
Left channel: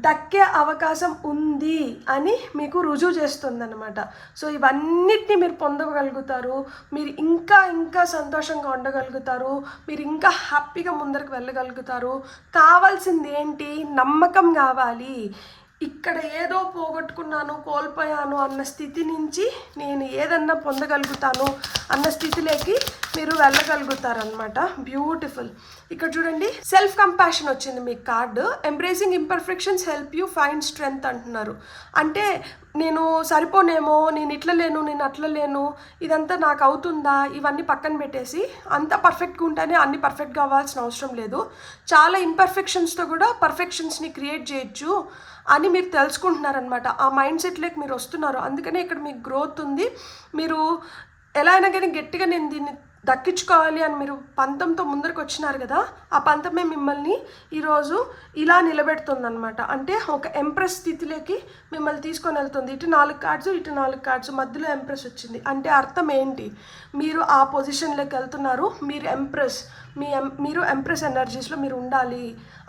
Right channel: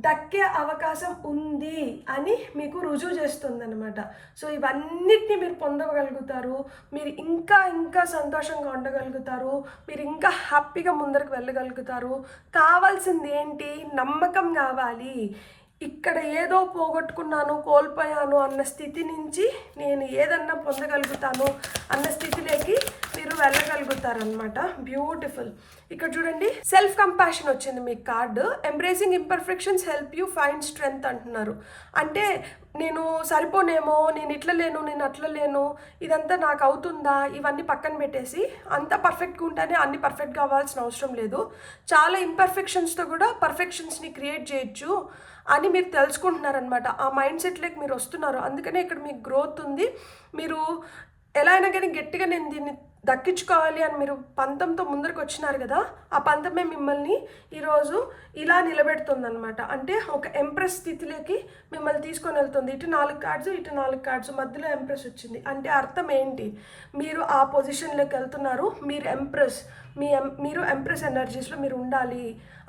దక్కే అవకాశం ఉంది అని మీకు రుజువు చేస్తుందన్నమాట. సో ఇవన్నిటిని మీరు పొందగలుగుతారు, మీరు ఇంకా ఇంకా సంతోషంగా ఉండగలుగుతారు, మీరు ఇంకా హ్యాపీగా ముందరకు వెళ్ళగలుగుతారు. కావాల్సింది ఏంటి? నమ్మకం కావాలి. ఇక్కడ ఏదో పోగొట్టుకున్నాను, కోల్పోయాను అన్న స్థితి నుంచి నేను ఏదన్నా పొందగలుగుతాను అన్న స్థితిలోకి మీరు వెళ్ళగలుగుతారనమాట. బ్యూటిఫుల్. ఇక్కడ చూడండి, సెల్ఫ్ కంపాషన్ వచ్చింది మీ card. Embracing imperfections help you find strength అంటున్నారు. అంటే నేను సరిపోనేమో, నేను ఇట్లా లేను, నేను అట్లా లేను, ఇదంతా నాకు అవుతుందా, ఇవన్నీ పక్కన పెట్టేసి అంత పర్ఫెక్ట్గా ఉంటేనే అన్ని పర్ఫెక్ట్గా అవ్వాల్సిన అవసరం లేదు, చాలా ఇంపర్ఫెక్షన్స్తో కూడా పర్ఫెక్షన్స్ని క్రియేట్ చేయొచ్చు అని మీరు తెలుసుకుంటున్నారనమాట. ఆ మైండ్ సెట్లోకి మీరు వస్తున్నారు. అందుకనే ఇక్కడ మీకు గ్రోత్ ఉంది. మీరు ఎలా అయినా కానీ గట్టిగా నేను దీన్ని దక్కించుకోవాలి అని మీరు పంతంతో ముందరకు వచ్చినారు కదా, ఆ పంతమే మిమ్మల్ని ఈరోజు ఇలా నిలబెడుతుందన్నమాట. అంటే ఒక ఎంప్రెస్ స్థితిలోకి మిమ్మల్ని తీసుకొని వెళ్తుంది. ఇటు 4 కార్డ్స్, ఇటు 4 కార్డ్స్, మధ్యలో ఎంప్రెస్ వచ్చింది. అంటే అర్థం ఏంటి? మీరు ఆ పొజిషన్లోకి వెళ్తున్నారు. మీరు ఎంప్రెస్ ఎనర్జీస్లో మీరు ఉండాలి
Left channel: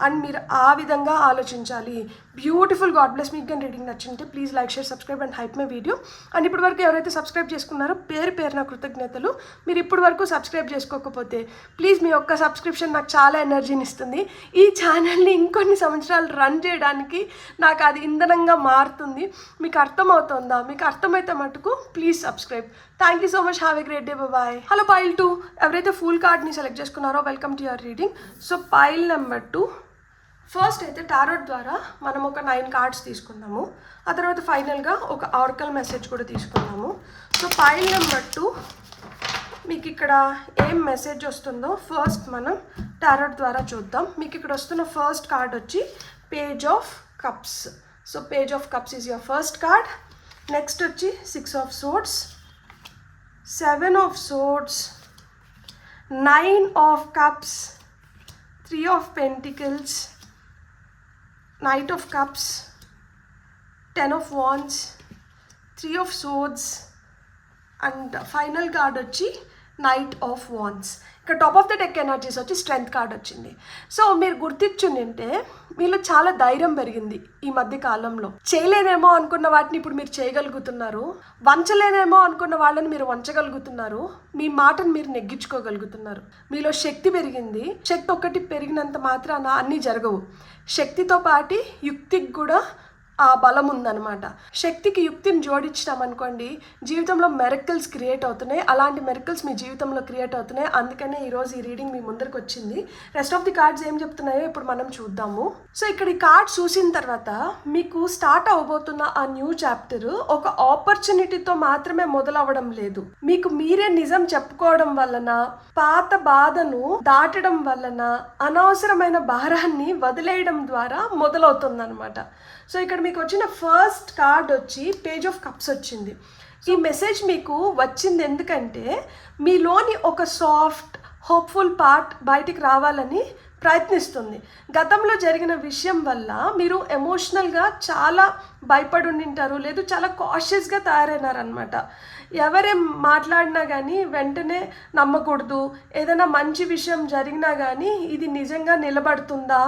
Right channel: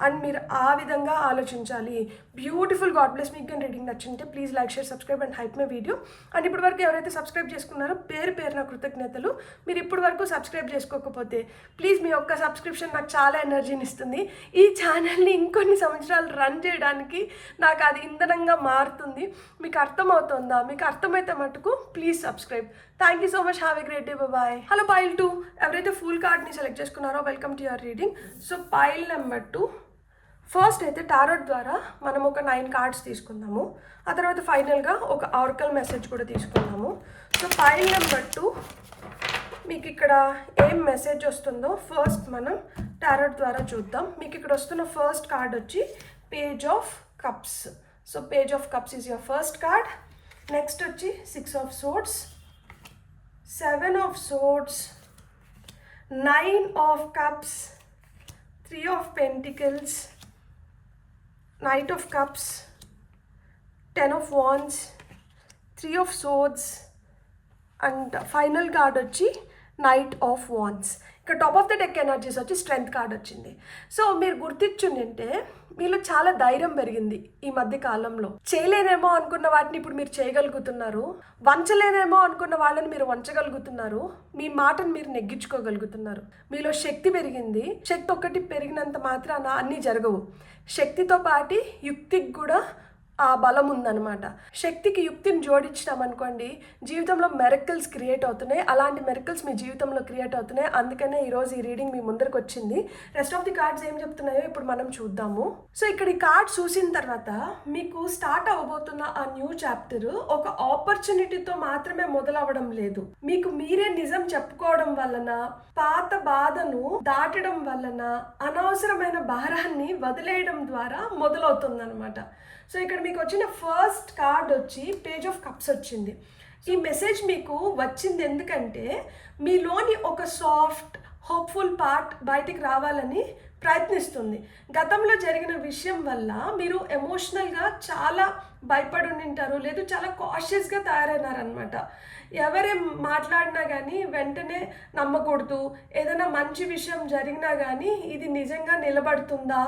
అండ్ మీరు ఆ విధంగా ఆలోచించాలి. బ్యూటిఫుల్. God bless. మీకు కానీ రీడింగ్ నచ్చింటే please like, share, subscribe and hype my video. And ఇప్పటి వరకు ఎవరైతే సబ్స్క్రైబ్ చేసుకున్నారో పేరున కృతజ్ఞతలు. మీరు ఇప్పటి వరకు సబ్స్క్రైబ్ చేసుకోకపోతే ప్లీజ్, మీ యొక్క సబ్స్క్రిప్షన్ నాకు చాలా ఎనర్జీని ఇస్తుంది. ఈ ఛానల్ని ఇంకొన్ని సంవత్సరాలు రన్ చేయడానికి నాకు అది ఇంధనంగా మారుతుంది. మీకు అర్థమవుతుందా? మీకు అర్థమైతే మటుకు please subscribe. Thank you so much. Have a great day. Bye. Hello pile 2. ఎవరైతే ఫుల్ కార్డ్ని సెలెక్ట్ చేసుకున్నారో welcome to your reading. So pile number 2. First అయితే టారోట్ ద్వారా మనం ఒక 9 కార్డ్స్ తీసుకుందాము. ఆ తర్వాత ఫైనల్గా ఒక ఆర్కల్ మెసేజ్ కూడా తీసుకుందాము. సో పైల్ నెంబర్ 2 మీకు ఇక్కడ ఏం మెసేజ్ వస్తుందో ఫస్ట్ మనం టారోట్ ద్వారా చూద్దాం. మీకు ఇక్కడ వస్తున్న ఫస్ట్ కార్డ్ వచ్చి page of cups. So page of cups is your first card. Next వచ్చి 6 of swords, 7 of swords, 9 of cups, 3 of pentacles, Knight of Cups, 10 of Wands, 3 of Swords and final card వచ్చి Knight of Wands. ఇక్కడ top of the deck energies వచ్చి strength card వచ్చింది. So మీరు గుర్తించుంటే మీలో చాలా ధైర్యం పెరిగింది ఈ మధ్య కాలంలో. చేయలేనేమో అనుకున్న వాటిని ఇప్పుడు మీరు చేయగలుగుతున్నారు. వంచలేనేమో అనుకున్న వాళ్ళని మీరు వంచగలుగుతున్నారు. మీ మాటను మీరు నెగ్గించుకోగలుగుతున్నారు. మీలో శక్తి పెరిగింది. శక్తి ఒక్కటి పెరిగినంత మాత్రాన అన్నీ జరగవు. శక్తితో పాటు యుక్తికి కూడా ఆ బలం ఉందన్నమాట. శక్తికి యుక్తిని జోడించినాం అనుకోండి, జీవితంలో మెరకల్స్ క్రియేట్ అవుతున్నాయి. అలాంటి మెరకల్స్ మీ జీవితంలో క్రియేట్ అవుతున్నాయి. అందుకనే ఈరోజు ఈ రీడింగ్ మీ ముందరికి వచ్చింది. రెస్ట్ ఆఫ్ ది కార్డ్స్ ఏం చెప్తున్నాయో ఇప్పుడు మనం చూద్దాము. సో ఇక్కడ ఈ కార్డ్ చూసిన తర్వాత మీకు స్టార్ట్ అవబోతున్న ఆ న్యూ చాప్టర్ ఒక ఆపర్చునిటీతో మాత్రమే మొదలవడం లేదు. మీకు మీరే నిజం చెప్పుకోవడం వలన, పాత బాధను దాటడం వలన, అనవసరమైన భారాన్ని వదిలేయడం ద్వారా మొదలవుతుంది అనమాట. సో ఇక్కడ మీకు వచ్చిన ఫస్ట్ కార్డ్ వచ్చి పేజ్ ఆఫ్ కప్స్ వచ్చింది. ఈ మెసేజ్ మీకు వచ్చింది ఎందుకంటే మీలోని ఒక సాఫ్ట్ హోప్ఫుల్ పార్ట్ బయటికి రావాలని ప్రయత్నిస్తుంది. గతంలో జరిగిన విషయం వల్ల మీరు ఎమోషనల్గా చాలా భయపడి ఉండింటారు, లేదు చాలా కాషియస్గా తయారైనారనమాట. ఎవరేం మాట్లాడినా కానీ వెంటనే నమ్మకూడదు. ఏదైనా మంచి విషయం జరిగినా కానీ ఇది నిజంగా నిలబడుతుందా,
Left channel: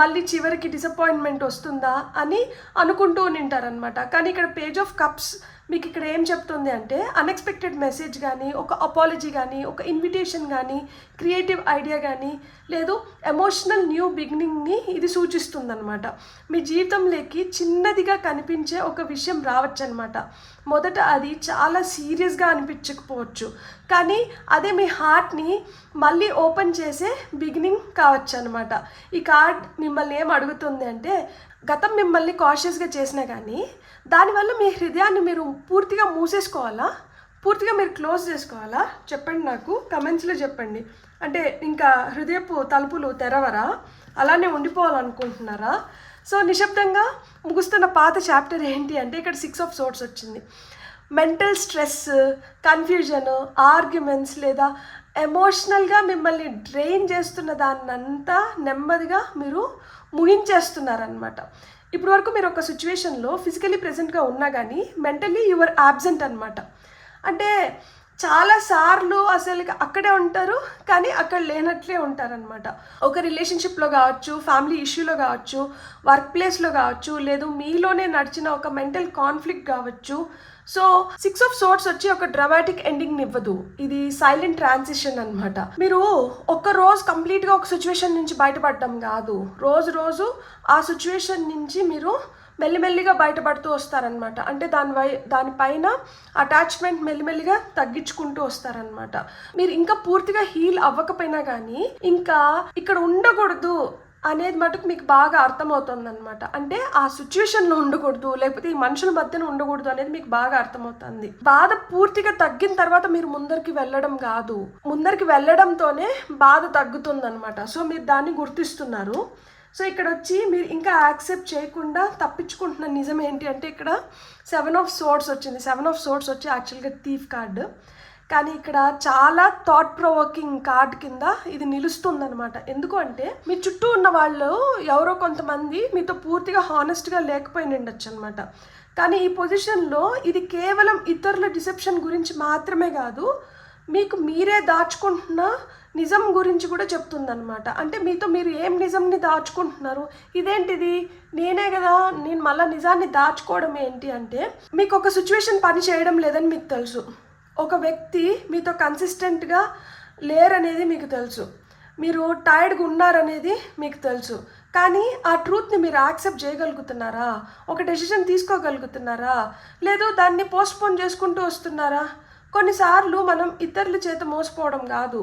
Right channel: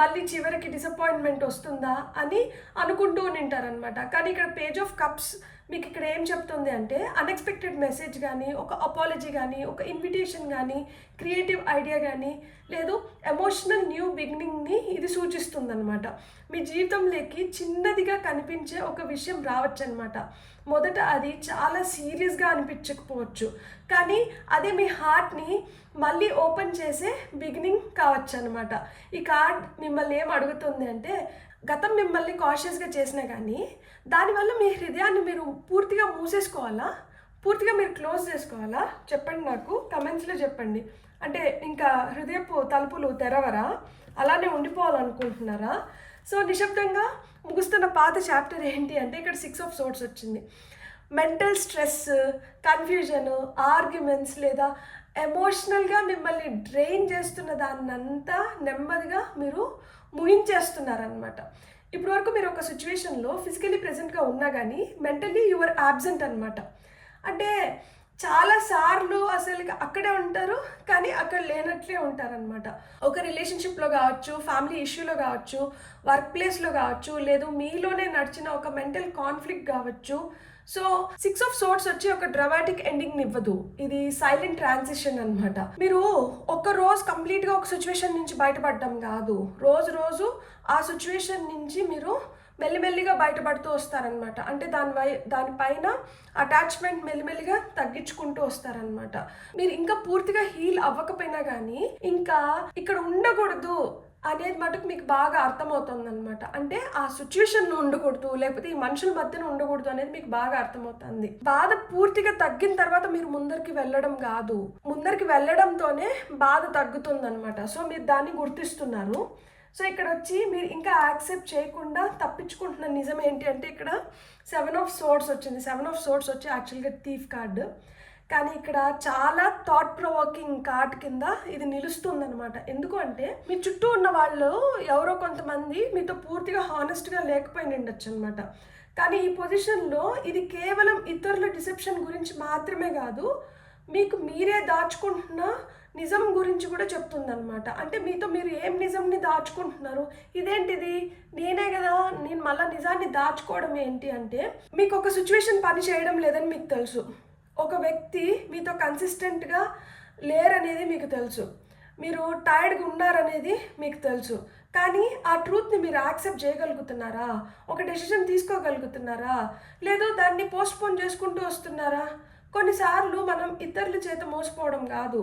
మళ్ళీ చివరికి డిసప్పాయింట్మెంట్ వస్తుందా అని అనుకుంటూ ఉండింటారనమాట. కానీ ఇక్కడ పేజ్ ఆఫ్ కప్స్ మీకు ఇక్కడ ఏం చెప్తుంది అంటే అన్ఎక్స్పెక్టెడ్ మెసేజ్ కానీ, ఒక అపాలజీ కానీ, ఒక ఇన్విటేషన్ కానీ, క్రియేటివ్ ఐడియా కానీ, లేదు ఎమోషనల్ న్యూ బిగినింగ్ని ఇది సూచిస్తుందన్నమాట. మీ జీవితంలోకి చిన్నదిగా కనిపించే ఒక విషయం రావచ్చు అనమాట. మొదట అది చాలా సీరియస్గా అనిపించకపోవచ్చు, కానీ అదే మీ హార్ట్ని మళ్ళీ ఓపెన్ చేసే బిగినింగ్ కావచ్చు అనమాట. ఈ కార్డ్ మిమ్మల్ని ఏం అడుగుతుంది అంటే, గతం మిమ్మల్ని కాషియస్గా చేసినా కానీ దానివల్ల మీ హృదయాన్ని మీరు పూర్తిగా మూసేసుకోవాలా, పూర్తిగా మీరు క్లోజ్ చేసుకోవాలా? చెప్పండి, నాకు కమెంట్స్లో చెప్పండి. అంటే ఇంకా హృదయపు తలుపులు తెరవరా, అలానే ఉండిపోవాలనుకుంటున్నారా? సో నిశ్శబ్దంగా ముగుస్తున్న పాత చాప్టర్ ఏంటి అంటే ఇక్కడ 6 ఆఫ్ సోర్డ్స్ వచ్చింది. మెంటల్ స్ట్రెస్, కన్ఫ్యూజన్, ఆర్గ్యుమెంట్స్ లేదా ఎమోషనల్గా మిమ్మల్ని డ్రైన్ చేస్తున్న దాన్నంతా నెమ్మదిగా మీరు ముగించేస్తున్నారనమాట. ఇప్పుడు వరకు మీరు ఒక సిచ్యువేషన్లో ఫిజికలీ ప్రెజెంట్గా ఉన్నా కానీ మెంటలీ యువర్ యాబ్సెంట్ అనమాట. అంటే చాలాసార్లు అసలు అక్కడే ఉంటారు కానీ అక్కడ లేనట్లే ఉంటారనమాట. ఒక రిలేషన్షిప్లో కావచ్చు, ఫ్యామిలీ ఇష్యూలో కావచ్చు, వర్క్ ప్లేస్లో కావచ్చు, లేదు మీలోనే నడిచిన ఒక మెంటల్ కాన్ఫ్లిక్ట్ కావచ్చు. సో 6 ఆఫ్ సోర్డ్స్ వచ్చి ఒక డ్రామాటిక్ ఎండింగ్ ఇవ్వదు, ఇది సైలెంట్ ట్రాన్సిషన్ అనమాట. మీరు ఒక రోజు కంప్లీట్గా ఒక సిచ్యువేషన్ నుంచి బయటపడడం కాదు, రోజు రోజు ఆ సిచ్యువేషన్ నుంచి మీరు మెల్లిమెల్లిగా బయటపడుతూ వస్తారనమాట. అంటే దానిపైన అటాచ్మెంట్ మెల్లిమెల్లిగా తగ్గించుకుంటూ వస్తారనమాట. మీరు ఇంకా పూర్తిగా హీల్ అవ్వకపోయినా కానీ ఇంకా ఇక్కడ ఉండకూడదు అనేది మటుకు మీకు బాగా అర్థమవుతుంది అనమాట. అంటే ఆ సిచ్యువేషన్లో ఉండకూడదు, లేకపోతే ఈ మనుషుల మధ్యన ఉండకూడదు అనేది మీకు బాగా అర్థమవుతుంది. బాధ పూర్తిగా తగ్గిన తర్వాత మీరు ముందరికి వెళ్ళడం కాదు, ముందరికి వెళ్ళడంతోనే బాధ తగ్గుతుంది అనమాట. సో మీరు దాన్ని గుర్తిస్తున్నారు. సో ఇక్కడ వచ్చి మీరు ఇంకా యాక్సెప్ట్ చేయకుండా తప్పించుకుంటున్న నిజం ఏంటి అంటే ఇక్కడ 7 ఆఫ్ సోర్డ్స్ వచ్చింది. 7 ఆఫ్ సోర్డ్స్ వచ్చి యాక్చువల్గా థీఫ్ కార్డు, కానీ ఇక్కడ చాలా థాట్ ప్రొవోకింగ్ కార్డ్ కింద ఇది నిలుస్తుందనమాట. ఎందుకు అంటే మీ చుట్టూ ఉన్న వాళ్ళు ఎవరో కొంతమంది మీతో పూర్తిగా హానెస్ట్గా లేకపోయి ఉండొచ్చు అనమాట. కానీ ఈ పొజిషన్లో ఇది కేవలం ఇతరుల డిసెప్షన్ గురించి మాత్రమే కాదు, మీకు మీరే దాచుకుంటున్న నిజం గురించి కూడా చెప్తుందనమాట. అంటే మీతో మీరు ఏం నిజంని దాచుకుంటున్నారు, ఇదేంటిది నేనే కదా, నేను మళ్ళీ నిజాన్ని దాచుకోవడం ఏంటి అంటే మీకు ఒక సిచ్యువేషన్ పని చేయడం లేదని మీకు తెలుసు, ఒక వ్యక్తి మీతో కన్సిస్టెంట్గా లేరనేది మీకు తెలుసు, మీరు టైర్డ్గా ఉన్నారనేది మీకు తెలుసు. కానీ ఆ ట్రూత్ని మీరు యాక్సెప్ట్ చేయగలుగుతున్నారా, ఒక డెసిషన్ తీసుకోగలుగుతున్నారా, లేదు దాన్ని పోస్ట్పోన్ చేసుకుంటూ వస్తున్నారా? కొన్నిసార్లు మనం ఇతరుల చేత మోసపోవడం కాదు,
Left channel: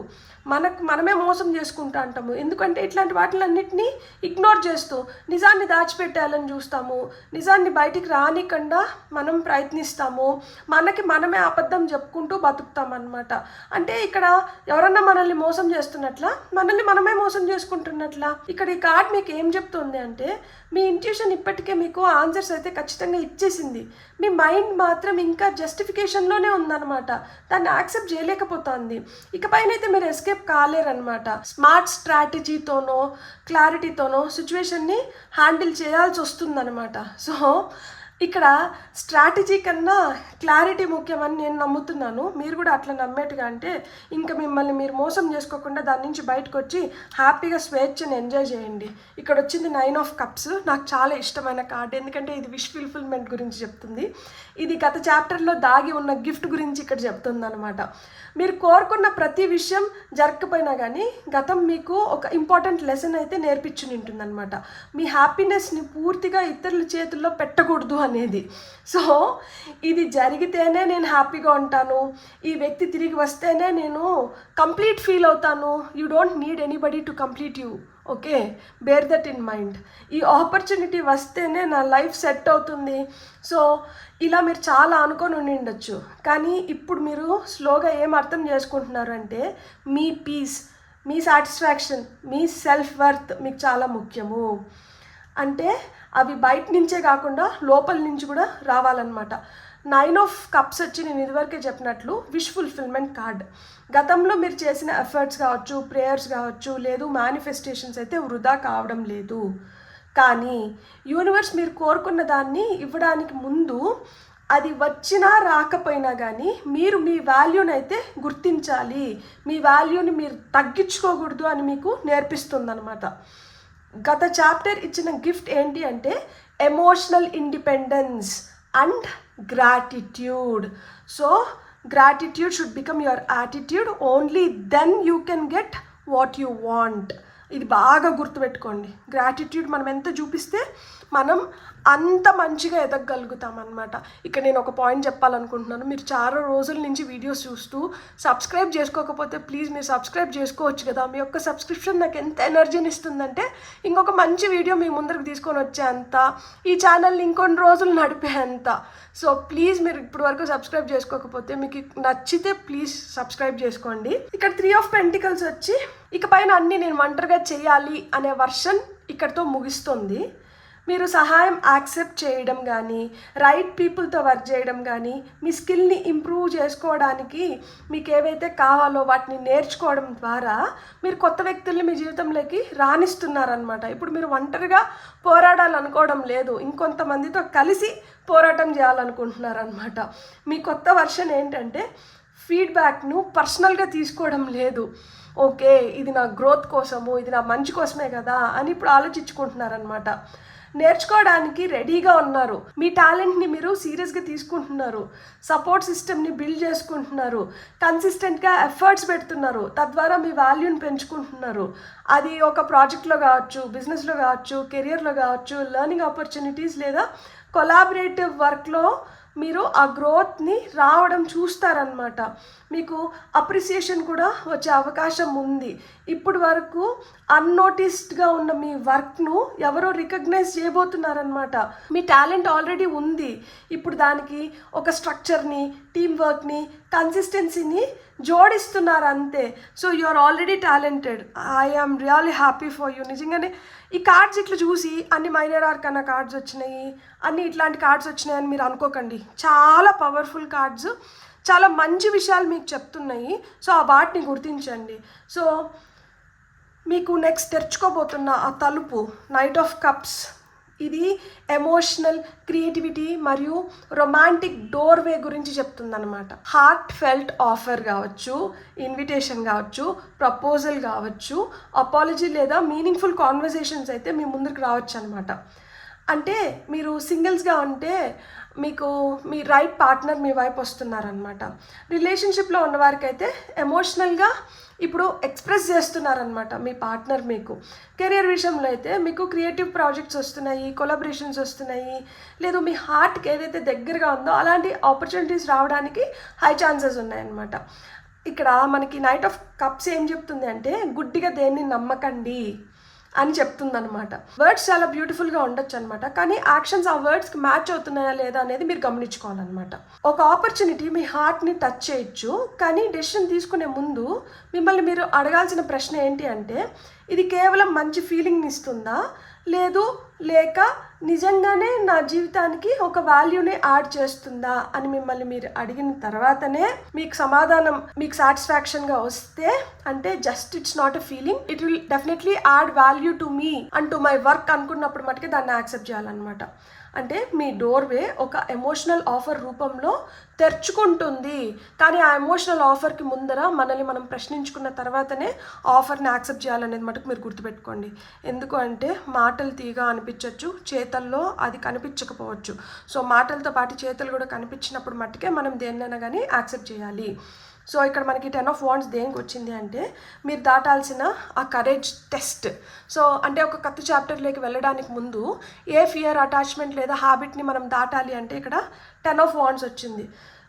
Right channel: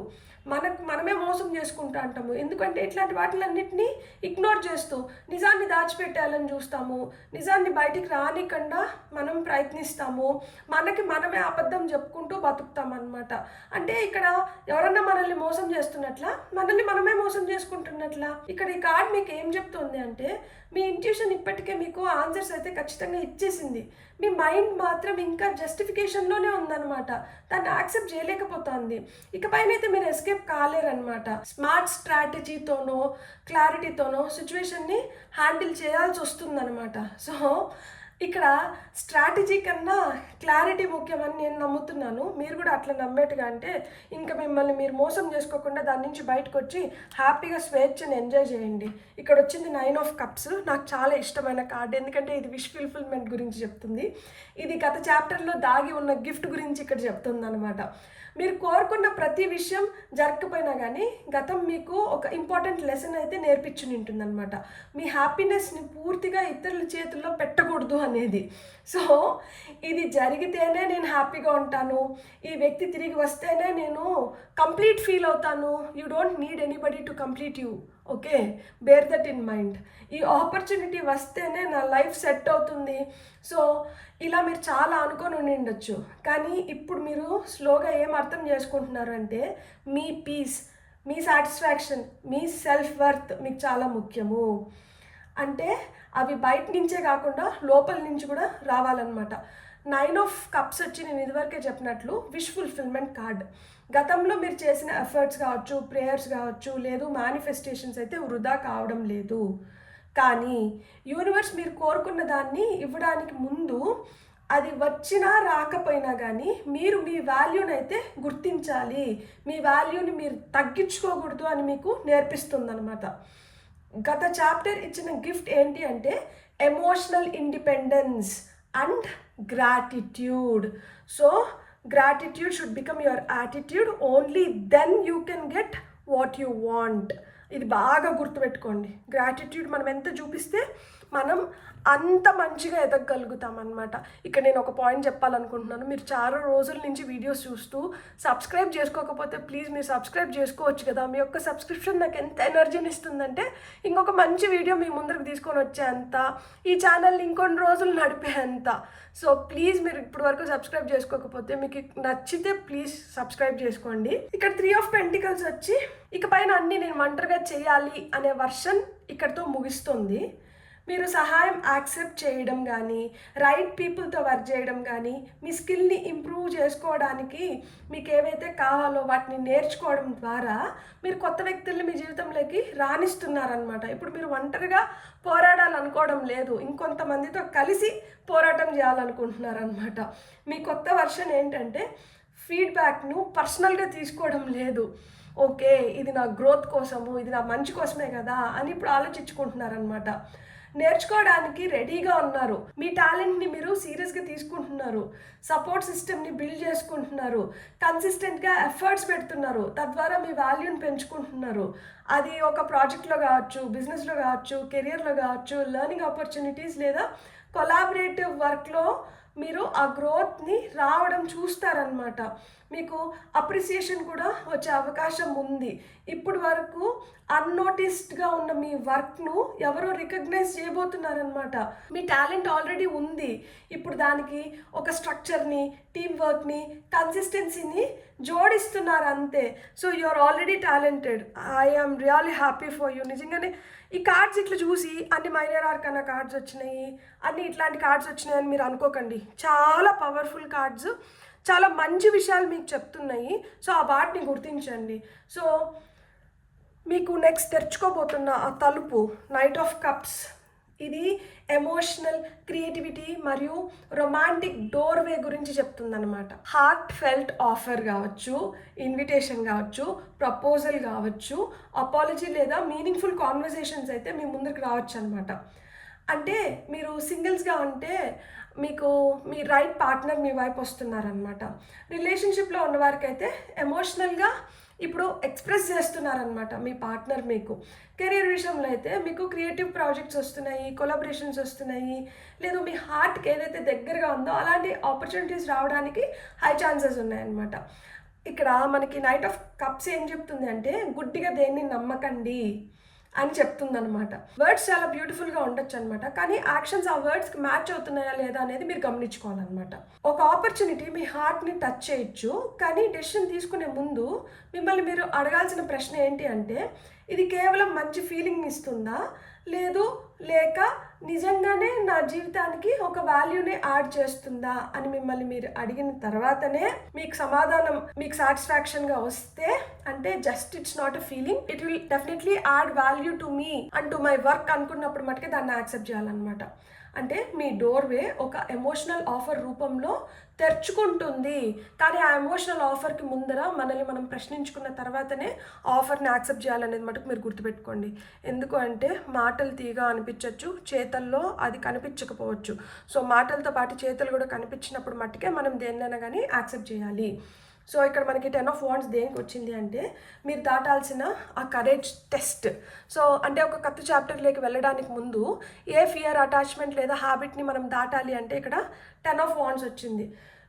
మనమే మోసం చేసుకుంటూ అంటాము. ఎందుకంటే ఇట్లాంటి వాటిలన్నింటినీ ఇగ్నోర్ చేస్తూ నిజాన్ని దాచిపెట్టాలని చూస్తాము, నిజాన్ని బయటికి రానికుండా మనం ప్రయత్నిస్తాము, మనమే అబద్ధం చెప్పుకుంటూ బతుకుతామన్నమాట. అంటే ఇక్కడ ఎవరన్నా మనల్ని మోసం చేస్తున్నట్లా, మనల్ని మనమే మోసం చేసుకుంటున్నట్లా. ఇక్కడ ఈ కార్డ్ మీకు ఏం చెప్తుంది అంటే మీ ఇంట్యూషన్ ఇప్పటికే మీకు ఆన్సర్స్ అయితే ఖచ్చితంగా ఇచ్చేసింది, మీ మైండ్ మాత్రం ఇంకా జస్టిఫికేషన్లోనే ఉందన్నమాట, దాన్ని యాక్సెప్ట్ చేయలేకపోతుంది. ఇకపైన అయితే మీరు ఎస్కేప్ కాలేరనమాట. స్మార్ట్ స్ట్రాటజీతోనో క్లారిటీతోనో సిచ్యువేషన్ని హ్యాండిల్ చేయాల్సి వస్తుందన్నమాట. సో ఇక్కడ స్ట్రాటజీ కన్నా క్లారిటీ ముఖ్యమని నేను నమ్ముతున్నాను. మీరు కూడా అట్లా నమ్మేట్టుగా అంటే ఇంకా మిమ్మల్ని మీరు మోసం చేసుకోకుండా దాని నుంచి బయటకు వచ్చి హ్యాపీగా స్వేచ్ఛని ఎంజాయ్ చేయండి. ఇక్కడ వచ్చింది 9 ఆఫ్ కప్స్. నాకు చాలా ఇష్టమైన కార్డ్, ఎందుకంటే ఇది విష్ ఫుల్ఫిల్మెంట్ గురించి చెప్తుంది. ఇది గత చాప్టర్లో దాగి ఉన్న గిఫ్ట్ గురించి ఇక్కడ చెప్తుంది అనమాట. మీరు కోరుకున్న ప్రతి విషయం జరగకపోయినా కానీ గతం మీకు ఒక ఇంపార్టెంట్ లెసన్ అయితే నేర్పించుని ఉంటుందన్నమాట. మీ హ్యాపీనెస్ని పూర్తిగా ఇతరుల చేతుల్లో పెట్టకూడదు అనేది. సో ఇది జరిగితేనే నేను హ్యాపీగా ఉంటాను, ఈ వ్యక్తి తిరిగి వస్తేనే నేను కంప్లీట్ ఫీల్ అవుతాను. You don't need anybody to complete you. Okay, bear that in mind. ఈ ఆపర్చునిటీ వస్తేనే నా లైఫ్ సెట్ అవుతుంది. సో ఇలా మీరు చాలా అనుకొని ఉండొచ్చు, కానీ ఇప్పుడు మీరు స్లోగా ఏం అర్థం చేసుకుంటున్నారు అంటే మీ పీస్, మీ సాటిస్ఫాక్షన్, మీ సెల్ఫ్ వర్త్ మీకు చాలా ముఖ్యము. అంటే అవి బయట నుంచే కాకుండా లోపల నుంచి కూడా రావాలన్నమాట. 9 ఆఫ్ కప్స్ వచ్చి నేను ఇదివరకే చెప్పినట్లు విష్ ఫుల్ఫిల్మెంట్ కార్డ్. గతంలో మీరు చేసిన ఎఫర్ట్స్ కావచ్చు, ప్రేయర్స్ కావచ్చు, లేదు మేనిఫెస్టేషన్స్ అయితే వృధా కావడం లేదు. కానీ యూనివర్స్ మీరు కోరుకున్న దాన్ని ఇవ్వడానికి ముందు అది వచ్చినా రాకపోయినా కానీ మీరు మీ వాల్యూని అయితే గుర్తించాలి, మీ వాల్యూని మీరు తగ్గించుకోకూడదు అని మీకు నేర్పిస్తుందన్నమాట. గత చాప్టర్ ఇచ్చిన గిఫ్ట్ ఏంటి అంటే emotional independence and gratitude. So gratitude should become your attitude, only then you can get what you want. ఇది బాగా గుర్తుపెట్టుకోండి. గ్రాటిట్యూడ్ మనం ఎంత చూపిస్తే మనం అంత మంచిగా ఎదగగలుగుతాం అన్నమాట. ఇక్కడ నేను ఒక పాయింట్ చెప్పాలనుకుంటున్నాను. మీరు చాలా రోజుల నుంచి వీడియోస్ చూస్తూ సబ్స్క్రైబ్ చేసుకోకపోతే ప్లీజ్ మీరు సబ్స్క్రైబ్ చేసుకోవచ్చు కదా. మీ యొక్క సబ్స్క్రిప్షన్ నాకు ఎంత ఎనర్జీని ఇస్తుందంటే ఇంకొక మంచి వీడియో మీ ముందరకు తీసుకొని వచ్చేంత, ఈ ఛానల్ని ఇంకొన్ని రోజులు నడిపేంత. సో ప్లీజ్ మీరు ఇప్పటి వరకు సబ్స్క్రైబ్ చేసుకోకపోతే, మీకు నచ్చితే ప్లీజ్ సబ్స్క్రైబ్ చేసుకోండి. ఇక్కడ 3 ఆఫ్ పెంటికల్స్ వచ్చి ఇకపైన అన్నీ నేను ఒంటరిగా చేయాలి అనే వర్షన్ ఇక్కడితో ముగిస్తుంది. మీరు సహాయం యాక్సెప్ట్ చేయడం కానీ, రైట్ పీపుల్తో వర్క్ చేయడం కానీ, మీ స్కిల్ని ఇంప్రూవ్ చేసుకోవడానికి మీకు ఏవైతే కావాలో వాటిని నేర్చుకోవడం ద్వారా మీరు కొత్త వ్యక్తుల్ని మీ జీవితంలోకి రాణిస్తున్నారనమాట. ఇప్పుడు మీరు ఒంటరిగా పోరాడాలనుకోవడం లేదు, ఇంకొంతమందితో కలిసి పోరాటం చేయాలనుకుంటున్నారనమాట. మీ కొత్త వర్షన్ ఏంటంటే ఫీడ్బ్యాక్ను పర్సనల్గా తీసుకోవడం లేదు. ఓకే, ఇది నా గ్రోత్ కోసము, ఇది నా మంచి కోసమే కదా అని ఇప్పుడు ఆలోచించుకుంటున్నారనమాట. నేర్చుకోవడానికి రెడీగా ఉన్నారు, మీ టాలెంట్ని మీరు సీరియస్గా తీసుకుంటున్నారు, సపోర్ట్ సిస్టమ్ని బిల్డ్ చేసుకుంటున్నారు, కన్సిస్టెంట్గా ఎఫర్ట్స్ పెడుతున్నారు, తద్వారా మీ వాల్యూని పెంచుకుంటున్నారు. అది ఒక ప్రాజెక్ట్లో కావచ్చు, బిజినెస్లో కావచ్చు, కెరియర్లో కావచ్చు, లెర్నింగ్ ఆపర్చునిటీస్ లేదా కొలాబరేటివ్ వర్క్లో మీరు ఆ గ్రోత్ని రావడం చూస్తారనమాట. మీకు అప్రిసియేషన్ కూడా వచ్చే అవకాశం ఉంది. ఇప్పటి వరకు అన్నోటిస్డ్గా ఉన్న మీ వర్క్ను ఎవరో రికగ్నైజ్ చేయబోతున్నారనమాట. మీ టాలెంట్ ఆల్రెడీ ఉంది, ఇప్పుడు దానికి ఒక స్ట్రక్చర్ని, టీమ్ వర్క్ని, కన్సిస్టెన్సీని జోడిస్తున్నారు అంతే. So you are already talented. I am really happy for you. నిజంగానే ఈ కార్డ్స్ ఇట్లా చూసి అన్ని మైనర్ ఆర్కానా కార్డ్స్ వచ్చినాయి, అన్ని ఇట్లాంటి కార్డ్స్ వచ్చినాయని మీరు అనుకోకండి. చాలా పవర్ఫుల్ కార్డ్స్, చాలా మంచి విషయాలు మీకు చెప్తున్నాయి. సో ఆ వాటిని గుర్తించండి. సో మీకు నెక్స్ట్ తెరుచుకోబోతున్న ఆ తలుపు నైట్ ఆఫ్ కప్స్, ఇది ఎమోషనల్ క్రియేటివిటీ మరియు రొమాంటిక్ డోర్వే గురించి చెప్తుందన్నమాట. హార్ట్ ఫెల్ట్ ఆఫర్ కావచ్చు, ఇన్విటేషన్ కావచ్చు, ప్రపోజల్ కావచ్చు, అపాలజీ లేదా మీనింగ్ఫుల్ కాన్వర్సేషన్స్ అయితే మీ ముందుకు రావచ్చు అనమాట. అంటే మీరు సింగిల్స్గా ఉంటే మీకు మీ రైట్ పార్ట్నర్ మీ వైపు వస్తున్నారనమాట. రిలేషన్షిప్లో ఉన్నవారికి అయితే ఎమోషనల్గా ఇప్పుడు ఎక్స్ప్రెస్ చేస్తున్నారనమాట మీ పార్ట్నర్ మీకు. కెరీర్ విషయంలో అయితే మీకు క్రియేటివ్ ప్రాజెక్ట్స్ వస్తున్నాయి, కొలాబరేషన్స్ వస్తున్నాయి, లేదు మీ హార్ట్కి ఏదైతే దగ్గరగా ఉందో అలాంటి ఆపర్చునిటీస్ రావడానికి హై ఛాన్సెస్ ఉన్నాయన్నమాట. ఇక్కడ మనకి నైట్ ఆఫ్ కప్స్ ఏం చెప్తుంది అంటే గుడ్డిగా దేన్ని నమ్మకండి అని చెప్తుందనమాట. వర్డ్స్ చాలా బ్యూటిఫుల్గా ఉండొచ్చు అనమాట, కానీ యాక్షన్స్ ఆ వర్డ్స్కి మ్యాచ్ అవుతున్నాయా లేదా అనేది మీరు గమనించుకోవాలన్నమాట. ఒక ఆపర్చునిటీ మీ హార్ట్ని టచ్ చేయొచ్చు, కానీ డెసిషన్ తీసుకునే ముందు మిమ్మల్ని మీరు అడగాల్సిన ప్రశ్న ఏంటి అంటే ఇది కేవలం మంచి ఫీలింగ్ని ఇస్తుందా, లేదు లేక నిజంగానే నా జీవితానికి ఒక వాల్యూని యాడ్ చేస్తుందా అని మిమ్మల్ని మీరు అడిగిన తర్వాతనే మీకు సమాధానం మీకు సాటిస్ఫాక్షన్గా వస్తే, అంటే just it's not a feeling, it will definitely add value to me and to my work అనుకున్నప్పుడు మటుకే దాన్ని యాక్సెప్ట్ చేయాలన్నమాట. అంటే మీ డోర్వే ఒక ఎమోషనల్ ఆఫర్ రూపంలో తెరుచుకుంటుంది. కానీ ఆ ఎమోషనల్ ఆఫర్కి ముందర మనల్ని మనం ప్రశ్నించుకున్న తర్వాతనే ఆఫర్ని యాక్సెప్ట్ చేయాలనేది మటుకు మీరు గుర్తుపెట్టుకోండి. ఎందుకు అంటే మాటలు తీగా అనిపించవచ్చు, చేతల్లో అది కనిపించకపోవచ్చు. సో మాటలతో పాటు చేతలు కూడా కనిపించినప్పుడు మట్టుకే మనం దేన్నైనా కానీ యాక్సెప్ట్ చేయాలి. సో ఇక్కడ మనకి 10 of Wands దేనికి వచ్చింది అంటే మీరు దాటాల్సిన ఆ కరేజ్ టెస్ట్. సో అంటే ఒక కొత్త చాప్టర్లోకి వెళ్ళడానికి ముందు ఏ ఫియర్, అటాచ్మెంట్ లేదా హ్యాబిట్ని మనం దాటాలి అంటే ఇక్కడ 10 of Wands వచ్చింది.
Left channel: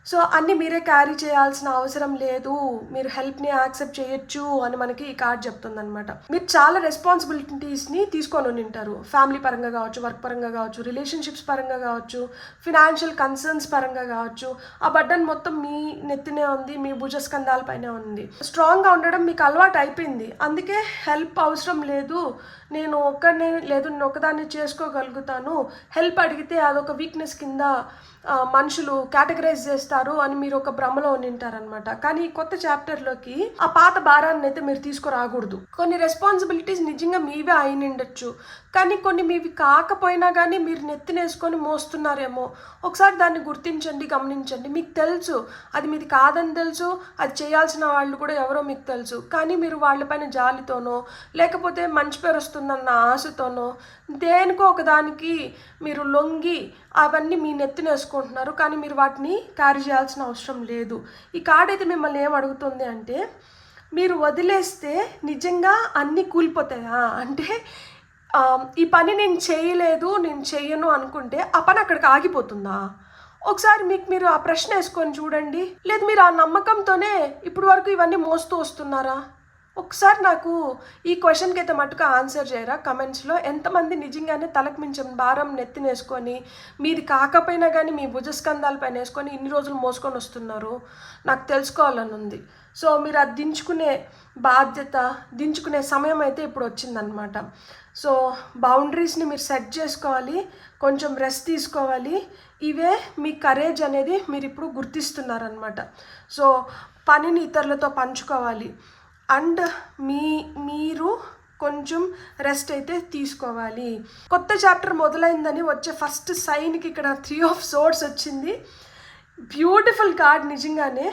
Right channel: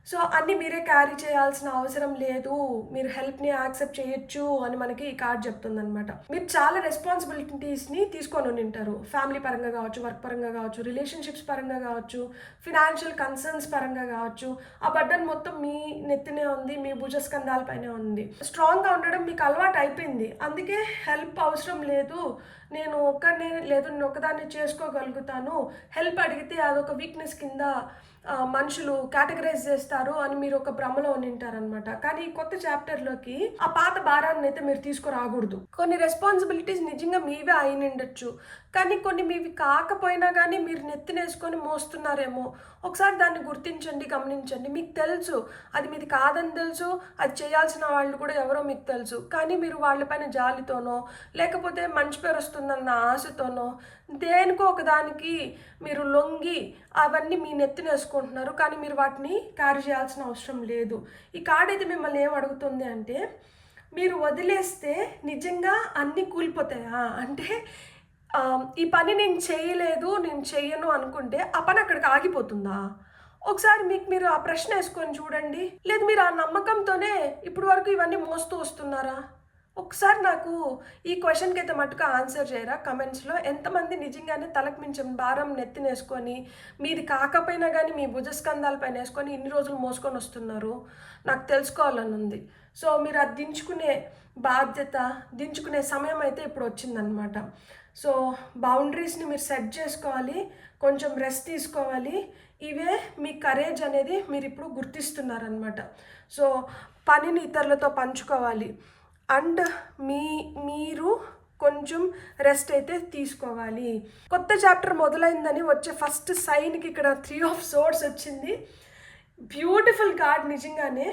సో అన్నీ మీరే క్యారీ చేయాల్సిన అవసరం లేదు, మీరు హెల్ప్ని యాక్సెప్ట్ చేయొచ్చు అని మనకి ఈ కార్డ్ చెప్తుంది అనమాట. మీరు చాలా రెస్పాన్సిబిలిటీస్ని తీసుకొని ఉంటారు, ఫ్యామిలీ పరంగా కావచ్చు, వర్క్ పరంగా కావచ్చు, రిలేషన్షిప్స్ పరంగా కావచ్చు, ఫినాన్షియల్ కన్సర్న్స్ పరంగా కావచ్చు. ఆ బర్డన్ మొత్తం మీ నెత్తినే ఉంది, మీ భుజస్కంధాల పైన ఉంది. స్ట్రాంగ్గా ఉండడం మీకు అలవాటు అయిపోయింది, అందుకే హెల్ప్ అవసరం లేదు, నేను ఒక్కడనే లేదు, నేను ఒకదాన్ని చేసుకోగలుగుతాను, హెల్ప్ అడిగితే అదొక వీక్నెస్ కింద మనుషులు కేటగరైజ్ చేస్తారు అని మీరు ఒక భ్రమలో ఉంటారనమాట. కానీ ఈ కొత్త చాప్టర్లోకి ఆ పాత భారాన్ని అయితే మీరు తీసుకురాకూడదు. కొన్ని రెస్పాన్సిబిలిటీస్ నిజంగా మీవే అయినుండొచ్చు, కానీ కొన్ని మీవి కాకపోయినా కానీ మీరు నెత్తినేసుకొని మోస్తున్నారేమో. ఒకసారి దాన్ని గుర్తించండి, గమనించండి. మీకు తెలుసు అది మీది కాదని తెలుసు, అది చేయాల్సిన వాళ్ళు కూడా ఎవరో మీకు తెలుసు, కానీ మీరు వాళ్ళపైన జాలితోనో లేకపోతే మంచి పేరు వస్తుందన్న ఆశతోనో దేనికో ఒకదానికి మీరు లొంగి అవన్నీ మీ నెత్తిన వేసుకుంటున్నారు. కానీ మీరు వాటిని క్యారీ చేయాల్సిన అవసరం లేదు. ఈ కార్డ్ అయితే మిమ్మల్ని ఏం అడుగుతుంది అంటే మీరు వదిలేస్తే నిజంగా అన్నీ కూలిపోతాయా అంటే ఈ పని నేను చేయలేదు, నేను చెయ్యను అనుకుంటే ఆ పని అక్కడికి ఆగిపోతుందా? ఒకసారి మీరు ఆ ప్రశ్న వేసుకొని చూడండి. లేదు మీరు ఆ నమ్మకంతోనే ఇప్పుడు వరకు ఇవన్నీ మోస్తూ వస్తున్నారా? ఒకసారి నాకు ఈ క్వశ్చన్కి అయితే మటుకు ఆన్సర్ చేయరా కమెంట్స్లో. ఎంతమంది నిజంగానే తలకు మించిన భారం నెత్తినేసుకొని మీది కాకపోయినా కానీ మీ భుజస్కంధాలపైన వేసుకొని ఇన్ని రోజులు మోసుకొని వస్తున్నారు? నాకు తెలుసుకోవాలని ఉంది. సో మీరు అది దించుకునే బాధ్యత, దించుకునే సమయం అయితే ఇప్పుడు వచ్చిందనమాట. సో బౌండరీస్ని మీరు సెట్ చేసుకోవాలి, కొంచెం రెస్ట్ తీసుకోవాలి. ఇవే మీ కరేజ్ అనేది మీరు ఇప్పుడు గుర్తిస్తున్నారనమాట. సో పనిని ఇతరులతో పంచుకోవాలి అండ్ మీరు కొంచెం రెస్ట్ అయితే తీసుకోవాలి. కొత్త చాప్టర్ మొదలైందని వచ్చే ఫస్ట్ సైన్కి ఇక్కడ 3 of Swords వచ్చింది. Beautiful card. నిజంగానే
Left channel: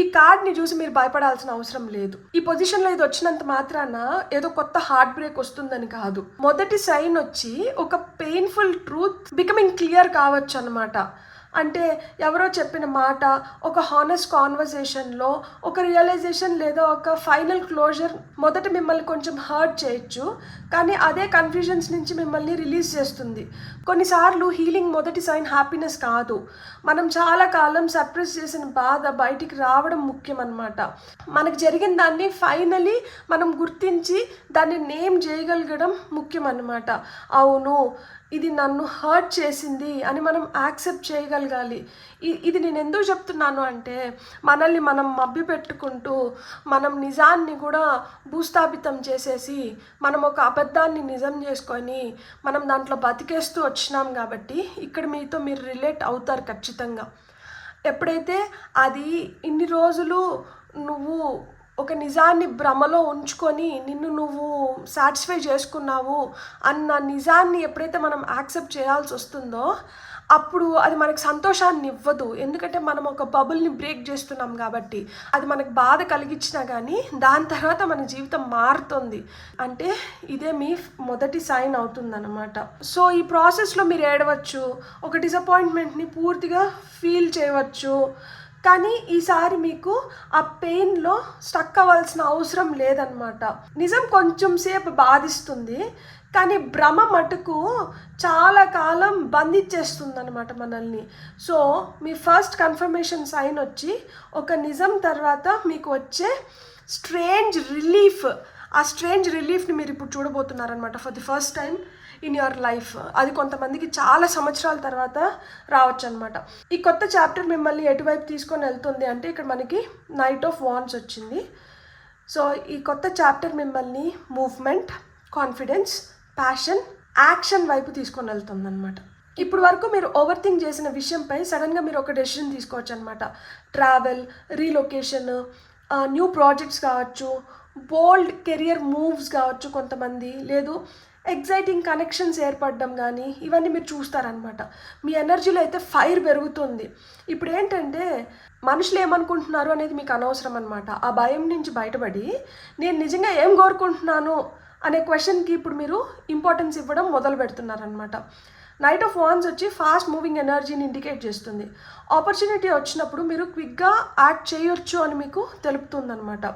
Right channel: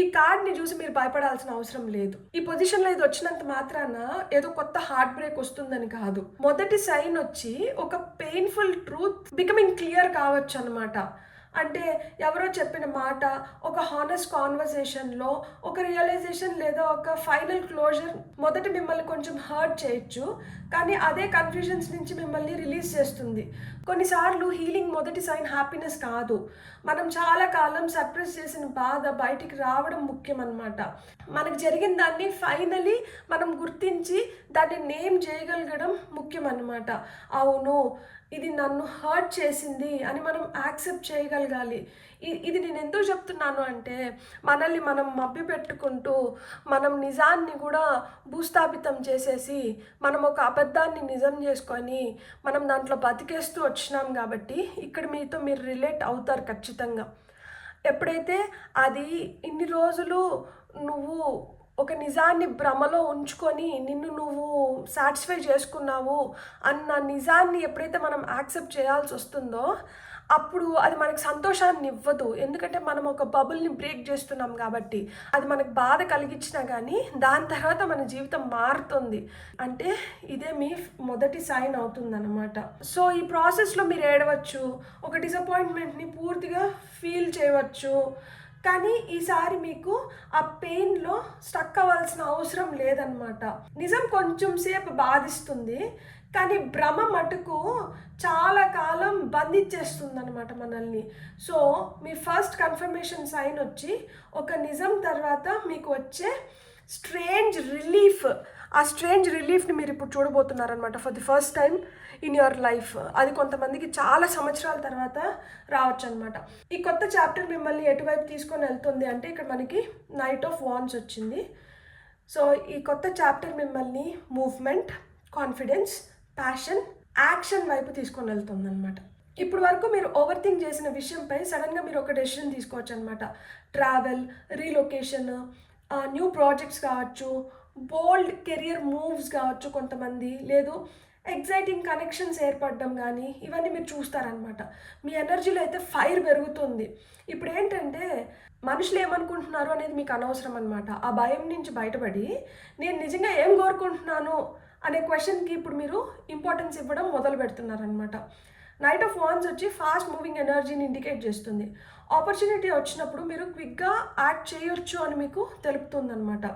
ఈ కార్డ్ని చూసి మీరు భయపడాల్సిన అవసరం లేదు. ఈ పొజిషన్లో ఇది వచ్చినంత మాత్రాన ఏదో కొత్త హార్ట్ బ్రేక్ వస్తుందని కాదు. మొదటి సైన్ వచ్చి ఒక పెయిన్ఫుల్ ట్రూత్ బికమింగ్ క్లియర్ కావచ్చు అనమాట. అంటే ఎవరో చెప్పిన మాట, ఒక హానెస్ట్ కాన్వర్సేషన్లో ఒక రియలైజేషన్ లేదా ఒక ఫైనల్ క్లోజర్ మొదట మిమ్మల్ని కొంచెం హర్ట్ చేయొచ్చు, కానీ అదే కన్ఫ్యూజన్స్ నుంచి మిమ్మల్ని రిలీజ్ చేస్తుంది. కొన్నిసార్లు హీలింగ్ మొదటి సైన్ హ్యాపీనెస్ కాదు, మనం చాలా కాలం సప్రెస్ చేసిన బాధ బయటికి రావడం ముఖ్యం అన్నమాట. మనకు జరిగిన దాన్ని ఫైనలీ మనం గుర్తించి దాన్ని నేమ్ చేయగలగడం ముఖ్యం అన్నమాట. అవును ఇది నన్ను హర్ట్ చేసింది అని మనం యాక్సెప్ట్ చేయగలగాలి. ఇది నేను ఎందుకు చెప్తున్నాను అంటే మనల్ని మనం మభ్య పెట్టుకుంటూ మనం నిజాన్ని కూడా భూస్థాపితం చేసేసి మనం ఒక అబద్ధాన్ని నిజం చేసుకొని మనం దాంట్లో బతికేస్తూ వచ్చినాం కాబట్టి ఇక్కడ మీతో మీరు రిలేట్ అవుతారు ఖచ్చితంగా. ఎప్పుడైతే అది ఇన్ని రోజులు నువ్వు ఒక నిజాన్ని భ్రమలో ఉంచుకొని నిన్ను నువ్వు సాటిస్ఫై చేసుకున్నావు అన్న నిజాన్ని ఎప్పుడైతే మనం యాక్సెప్ట్ చేయాల్సి వస్తుందో అప్పుడు అది మనకు సంతోషాన్ని ఇవ్వదు. ఎందుకంటే మనం ఒక బబుల్ని బ్రేక్ చేస్తున్నాం కాబట్టి. అది మనకు బాధ కలిగించినా కానీ దాని తర్వాత మన జీవితం మారుతుంది. అంటే ఇదే మీ మొదటి సైన్ అవుతుందన్నమాట. సో ఈ ప్రాసెస్లో మీరు ఏడవచ్చు, ఒక డిసప్పాయింట్మెంట్ని పూర్తిగా ఫీల్ చేయవచ్చు, కానీ ఈసారి మీకు ఆ పెయిన్లో స్టక్ అవ్వాల్సిన అవసరం లేదనమాట. నిజం కొంచెం సేపు బాధిస్తుంది, కానీ భ్రమ మటుకు చాలా కాలం బంధించేస్తుంది అనమాట మనల్ని. సో మీ ఫస్ట్ కన్ఫర్మేషన్ సైన్ వచ్చి ఒక నిజం తర్వాత మీకు వచ్చే స్ట్రేంజ్ రిలీఫ్, ఆ స్ట్రేంజ్ రిలీఫ్ని మీరు ఇప్పుడు చూడబోతున్నారనమాట for the first time in your life. అది కొంతమందికి చాలా సంవత్సరాల తర్వాత రావచ్చు అనమాట. ఈ కొత్త చాప్టర్ మిమ్మల్ని ఎటువైపు తీసుకొని వెళ్తుంది అంటే ఇక్కడ మనకి నైట్ ఆఫ్ వాండ్స్ వచ్చింది. సో ఈ కొత్త చాప్టర్ మిమ్మల్ని మూవ్మెంట్, కాన్ఫిడెన్స్, ప్యాషన్, యాక్షన్ వైపు తీసుకొని వెళ్తుంది అనమాట. ఇప్పుడు వరకు మీరు ఓవర్ థింక్ చేసిన విషయంపై సడన్గా మీరు ఒక డెసిషన్ తీసుకోవచ్చు అనమాట. ట్రావెల్, రీలొకేషన్, న్యూ ప్రాజెక్ట్స్ కావచ్చు, బోల్డ్ కెరియర్ మూవ్స్ కావచ్చు కొంతమంది, లేదు ఎగ్జైటింగ్ కనెక్షన్స్ ఏర్పడడం కానీ ఇవన్నీ మీరు చూస్తారనమాట. మీ ఎనర్జీలో అయితే ఫైర్ పెరుగుతుంది. ఇప్పుడు ఏంటంటే మనుషులు ఏమనుకుంటున్నారు అనేది మీకు అనవసరం అనమాట. ఆ భయం నుంచి బయటపడి నేను నిజంగా ఏం కోరుకుంటున్నాను అనే క్వశ్చన్కి ఇప్పుడు మీరు ఇంపార్టెన్స్ ఇవ్వడం మొదలు పెడుతున్నారనమాట. నైట్ ఆఫ్ వాన్స్ వచ్చి ఫాస్ట్ మూవింగ్ ఎనర్జీని ఇండికేట్ చేస్తుంది. ఆపర్చునిటీ వచ్చినప్పుడు మీరు క్విక్గా యాక్ట్ చేయొచ్చు అని మీకు తెలుపుతుందనమాట.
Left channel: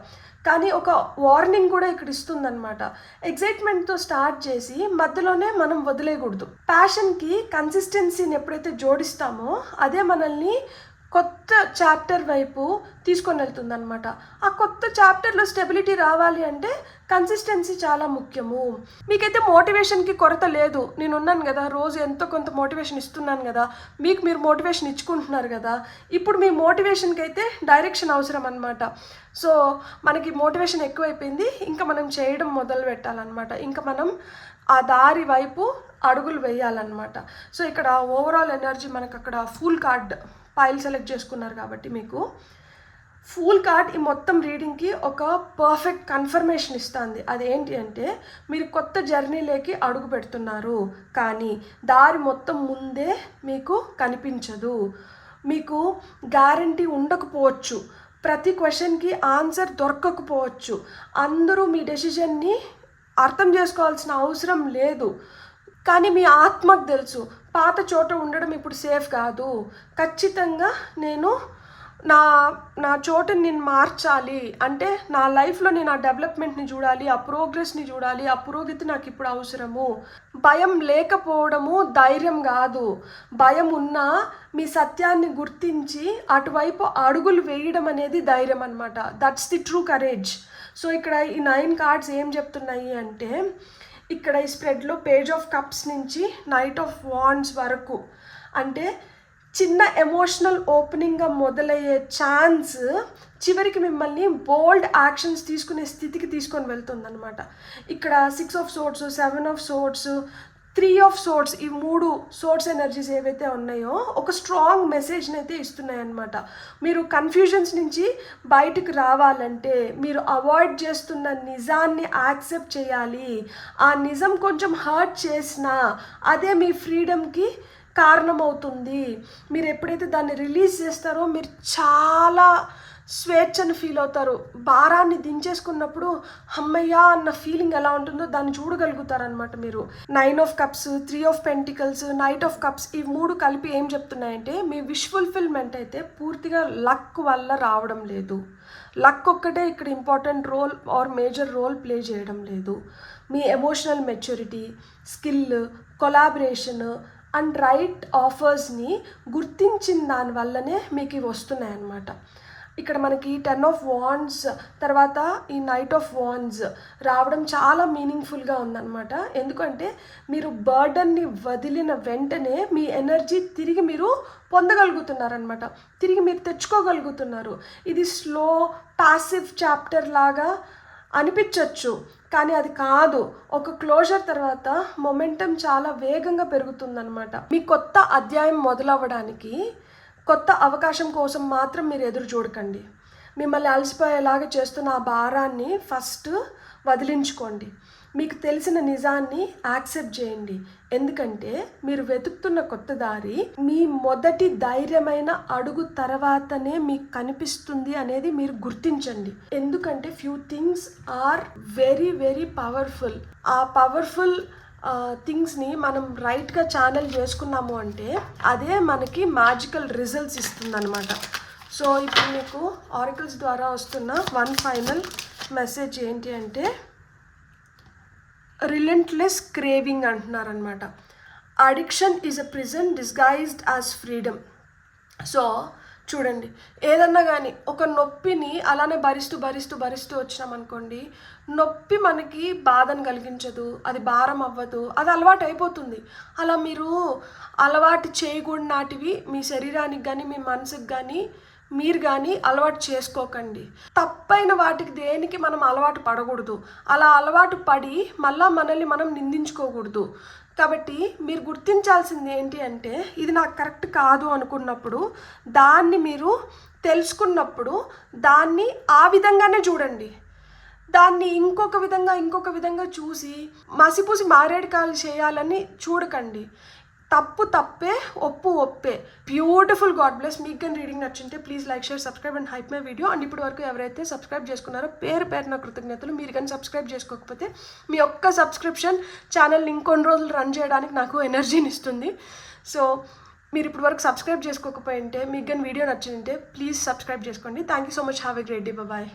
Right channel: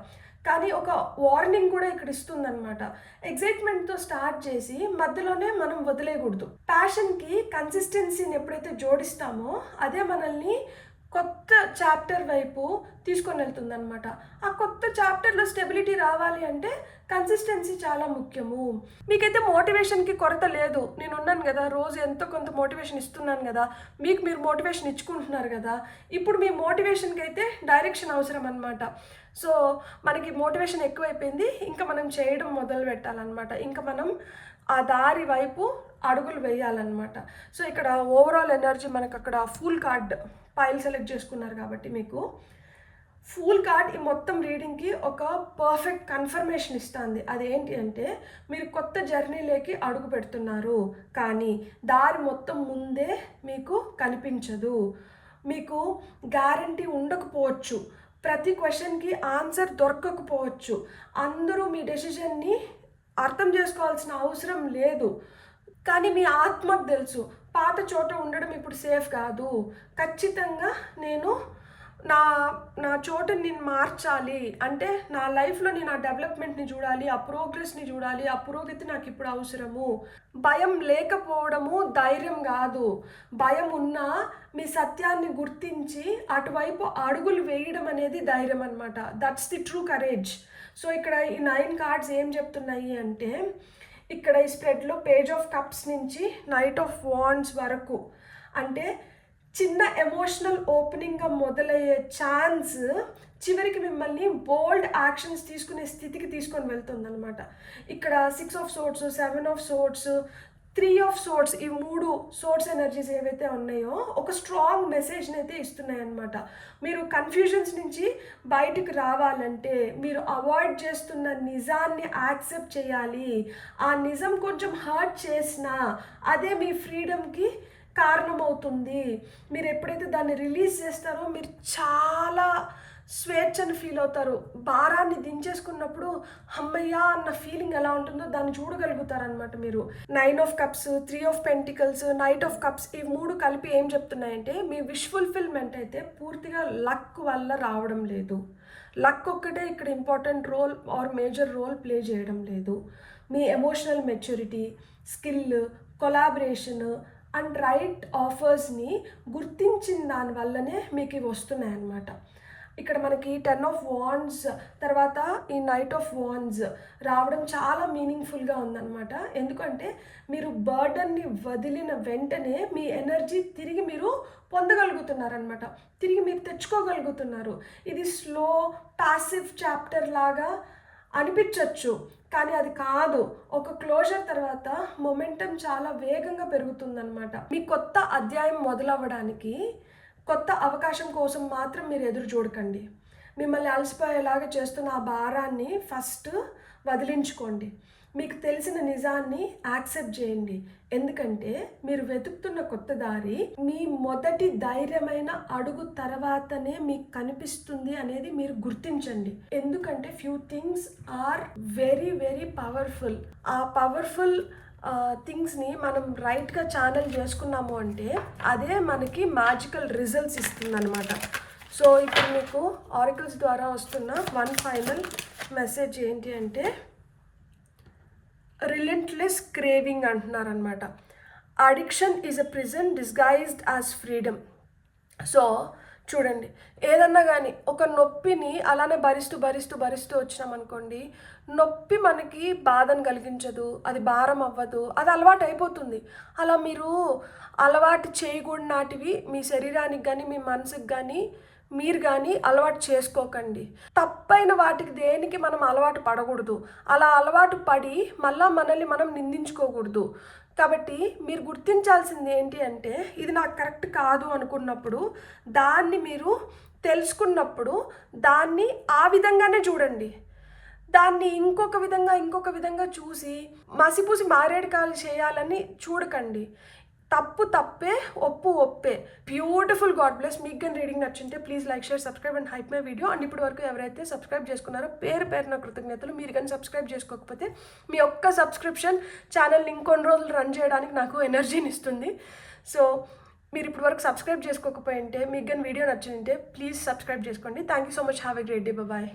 కానీ ఒక వార్నింగ్ కూడా ఇక్కడ ఇస్తుందన్నమాట. ఎగ్జైట్మెంట్తో స్టార్ట్ చేసి మధ్యలోనే మనం వదిలేయకూడదు. ప్యాషన్కి కన్సిస్టెన్సీని ఎప్పుడైతే జోడిస్తామో అదే మనల్ని కొత్త చాప్టర్ వైపు తీసుకొని వెళ్తుంది అనమాట. ఆ కొత్త చాప్టర్లో స్టెబిలిటీ రావాలి అంటే కన్సిస్టెన్సీ చాలా ముఖ్యము. మీకైతే మోటివేషన్కి కొరత లేదు, నేను ఉన్నాను కదా, రోజు ఎంతో కొంత మోటివేషన్ ఇస్తున్నాను కదా, మీరు మోటివేషన్ ఇచ్చుకుంటున్నారు కదా. ఇప్పుడు మీ మోటివేషన్కి అయితే డైరెక్షన్ అవసరం అనమాట. సో మనకి మోటివేషన్ ఎక్కువైపోయింది, ఇంకా మనం చేయడం మొదలు పెట్టాలన్నమాట. ఇంకా మనం ఆ దారి వైపు అడుగులు వేయాలన్నమాట. సో ఇక్కడ ఓవరాల్ ఎనర్జీ మనకు అక్కడ ఫుల్ కార్డ్ పైల్ సెలెక్ట్ చేసుకున్నారు కాబట్టి మీకు ఫుల్ కార్డ్ ఈ మొత్తం రీడింగ్కి ఒక పర్ఫెక్ట్ కన్ఫర్మేషన్ ఇస్తుంది. అదేంటి అంటే మీరు కొత్త జర్నీలోకి అడుగు పెడుతున్నారు, కానీ దారి మొత్తం ముందే మీకు కనిపించదు. మీకు గ్యారంటీ ఉండకపోవచ్చు, ప్రతి క్వశ్చన్కి ఆన్సర్ దొరకకపోవచ్చు, అందరూ మీ డెసిషన్ని అర్థం చేసుకోవాల్సిన అవసరం లేదు. కానీ మీ ఆత్మకు తెలుసు పాత చోట ఉండడం ఇప్పుడు సేఫ్ కాదు, ఖచ్చితంగా నేను నా చోటుని నేను మార్చాలి అంటే నా లైఫ్లో నేను ఆ డెవలప్మెంట్ని చూడాలి, ఆ ప్రోగ్రెస్ని చూడాలి, ఆ పురోగతి నాకు ఇప్పుడు అవసరము. భయం లేకపోవడము ధైర్యం కాదు, భయం ఉన్నా మీ సత్యాన్ని గుర్తించి అటువైపు అడుగులు వేయడం అనేది ధైర్యం అనమాట. That's the true courage. So ఇక్కడ ఈ 9 కార్డ్స్ ఏం చెప్తున్నాయి అంటే ఇక్కడ ఈ స్ప్రెడ్లో పేజ్ ఆఫ్ కప్స్ నుంచి నైట్ ఆఫ్ వాండ్స్ వరకు అంటే చిన్న ఎమోషనల్ ఓపెనింగ్గా మొదలయ్యే ఛాన్స్ చివరికి మిమ్మల్ని బోల్డ్ యాక్షన్స్ తీసుకునే స్థితికి తీసుకొని వెళ్తుందన్నమాట. ఇక్కడ 6 of swords, 7 of swords, 3 of swords, ఈ 3 సోర్ట్స్ ఎనర్జీస్ ఏవైతే ఉన్నాయో ఒక స్ట్రాంగ్ మెసేజ్ని అయితే ఇస్తున్నాయి అన్నమాట. మీరు కన్ఫ్యూజన్స్ నుంచి బయటకు రావాలంటే మీరు అవాయిడ్ చేస్తున్న నిజాన్ని యాక్సెప్ట్ చేయాలి. ఆ నిజం కొంచెం హర్ట్ చేసినా అదే మీ ఫ్రీడమ్కి కారణమవుతుంది. మీరు ఎప్పుడైతే దాన్ని రిలీజ్ చేస్తారో మీరు చాలా స్వేచ్ఛను ఫీల్ అవుతారు. భారాన్ని దించేసుకున్నప్పుడు అమ్మయ్యా అన్న ఫీలింగ్ ఎలా ఉంటుందో దాన్ని చూడగలుగుతారనమాట మీరు. 9 of cups, 3 of pentacles, knight of cups, ఈ 3 కలిపి ఏం చెప్తున్నాయంటే మీ విష్ ఫుల్ఫిల్మెంట్ అయితే పూర్తిగా లక్ వల్ల రావడం లేదు. లక్ ఒక్కటే ఇక్కడ important role or major role play చేయడం లేదు. మీ emotional maturity, skill, collaboration and right ఆఫర్స్ని గుర్తించిన దానివల్లనే మీకు ఇవి వస్తున్నాయి అన్నమాట. ఇక్కడ మనకి 10 ఆఫ్ వాండ్స్ తర్వాత ఈ నైట్ ఆఫ్ వాండ్స్ రావడం చాలా మీనింగ్ఫుల్గా ఉందన్నమాట. ఎందుకంటే మీరు బర్డన్ని వదిలిన వెంటనే మీ ఎనర్జీ తిరిగి మీరు పొందగలుగుతున్నారనమాట, తిరిగి మీరు తెచ్చుకోగలుగుతున్నారు. ఇది స్లో ప్యాసివ్ చాప్టర్ లాగా అనిపించవచ్చు, కానీ అది కాదు. ఒక క్లోజర్ తర్వాత మొమెంటం చాలా వేగంగా పెరుగుతుందన్నమాట. మీ కొత్త అధ్యాయం మొదలవ్వడానికి కొత్త అవకాశం కోసం మాత్రం మీరు ఎదురు చూడకండి. మిమ్మల్ని అలసిపోయేలాగా చేస్తున్న ఆ భారాన్ని ఫస్ట్ వదిలించుకోండి. మీకు తెలిసిన నిజాన్ని యాక్సెప్ట్ చేయండి. ఎందుకంటే మీరు వెతుకుతున్న కొత్త దారి మీ మొదటి ధైర్యమైన అడుగు తర్వాతనే మీకు కనిపిస్తుంది అనేది మీరు గుర్తించండి. ఎందుకంటే few things are very very powerful. ఆ పవర్ఫుల్ థింగ్స్ని మనం రైట్గా ఛానల్ చేసుకున్నాము అంటే అదే మనకి మ్యాజికల్ రిజల్ట్స్ ఇస్తుందన్నమాట. సో ఇప్పుడు మీకు ఆరికల్స్ ద్వారా వస్తున్న వన్ ఫైనల్ మెసేజ్ ఏంటి అంటే రిలెంట్లెస్ క్రేవింగ్ అంటున్నారనమాట. Addiction is a prison disguised as freedom. So చూడండి, ఏదన్నా కానీ ఒక నొప్పిని అలానే భరిస్తూ వచ్చినామనుకోండి, నొప్పి మనకి బాధను కలిగించదు, అది భారం అవ్వదు, అది అలవాటు అయిపోతుంది. అలా మీరు అలవాటు చేయకూడనాటివి మీ శరీరానికి కానీ మీ మనసుకి కానీ మీరు కానీ అలవాటు చేసుకోకండి. తప్పైన వాటికి దేనికి మనం అలవాటు పడకూడదు. అలా అలవాటు పడి మళ్ళీ మనల్ని మనం నిందించుకోకూడదు. కాబట్టి మీరు గుర్తించాల్సింది ఏంటి అంటే ఇది నాకు కరెక్ట్ కాదు అనుకున్నప్పుడు, దాన్ని మీరు తెలుసుకున్నప్పుడు దాన్ని ఆ విధంగానే చూడండి. దాన్ని ఇంకొక విధంగా చూసి మసిపూసి మారేడుకాయలు చేయాలని చూడకండి. తప్పు తప్పే, ఒప్పు ఒప్పే. బ్యూటిఫుల్. God bless. మీకు కానీ రీడింగ్ నచ్చింటే please like, share, subscribe and hype my video. And ఇప్పటి వరకు ఎవరైతే సబ్స్క్రైబ్ చేసుకున్నారో పేరు కృతజ్ఞతలు. మీరు కానీ సబ్స్క్రైబ్ చేసుకోకపోతే మీ ఒక్క సబ్స్క్రిప్షన్ ఛానల్ని ఇంకొన్ని రోజులు రన్ చేయడానికి నాకు ఎనర్జీని ఇస్తుంది. సో మీరు ఇప్పటి వరకు సబ్స్క్రైబ్ చేసుకోకపోయింటే, మీకు కానీ వీడియో నచ్చింటే ప్లీజ్ సబ్స్క్రైబ్ చేసుకోండి. Thank you so much. Have a great day. Bye.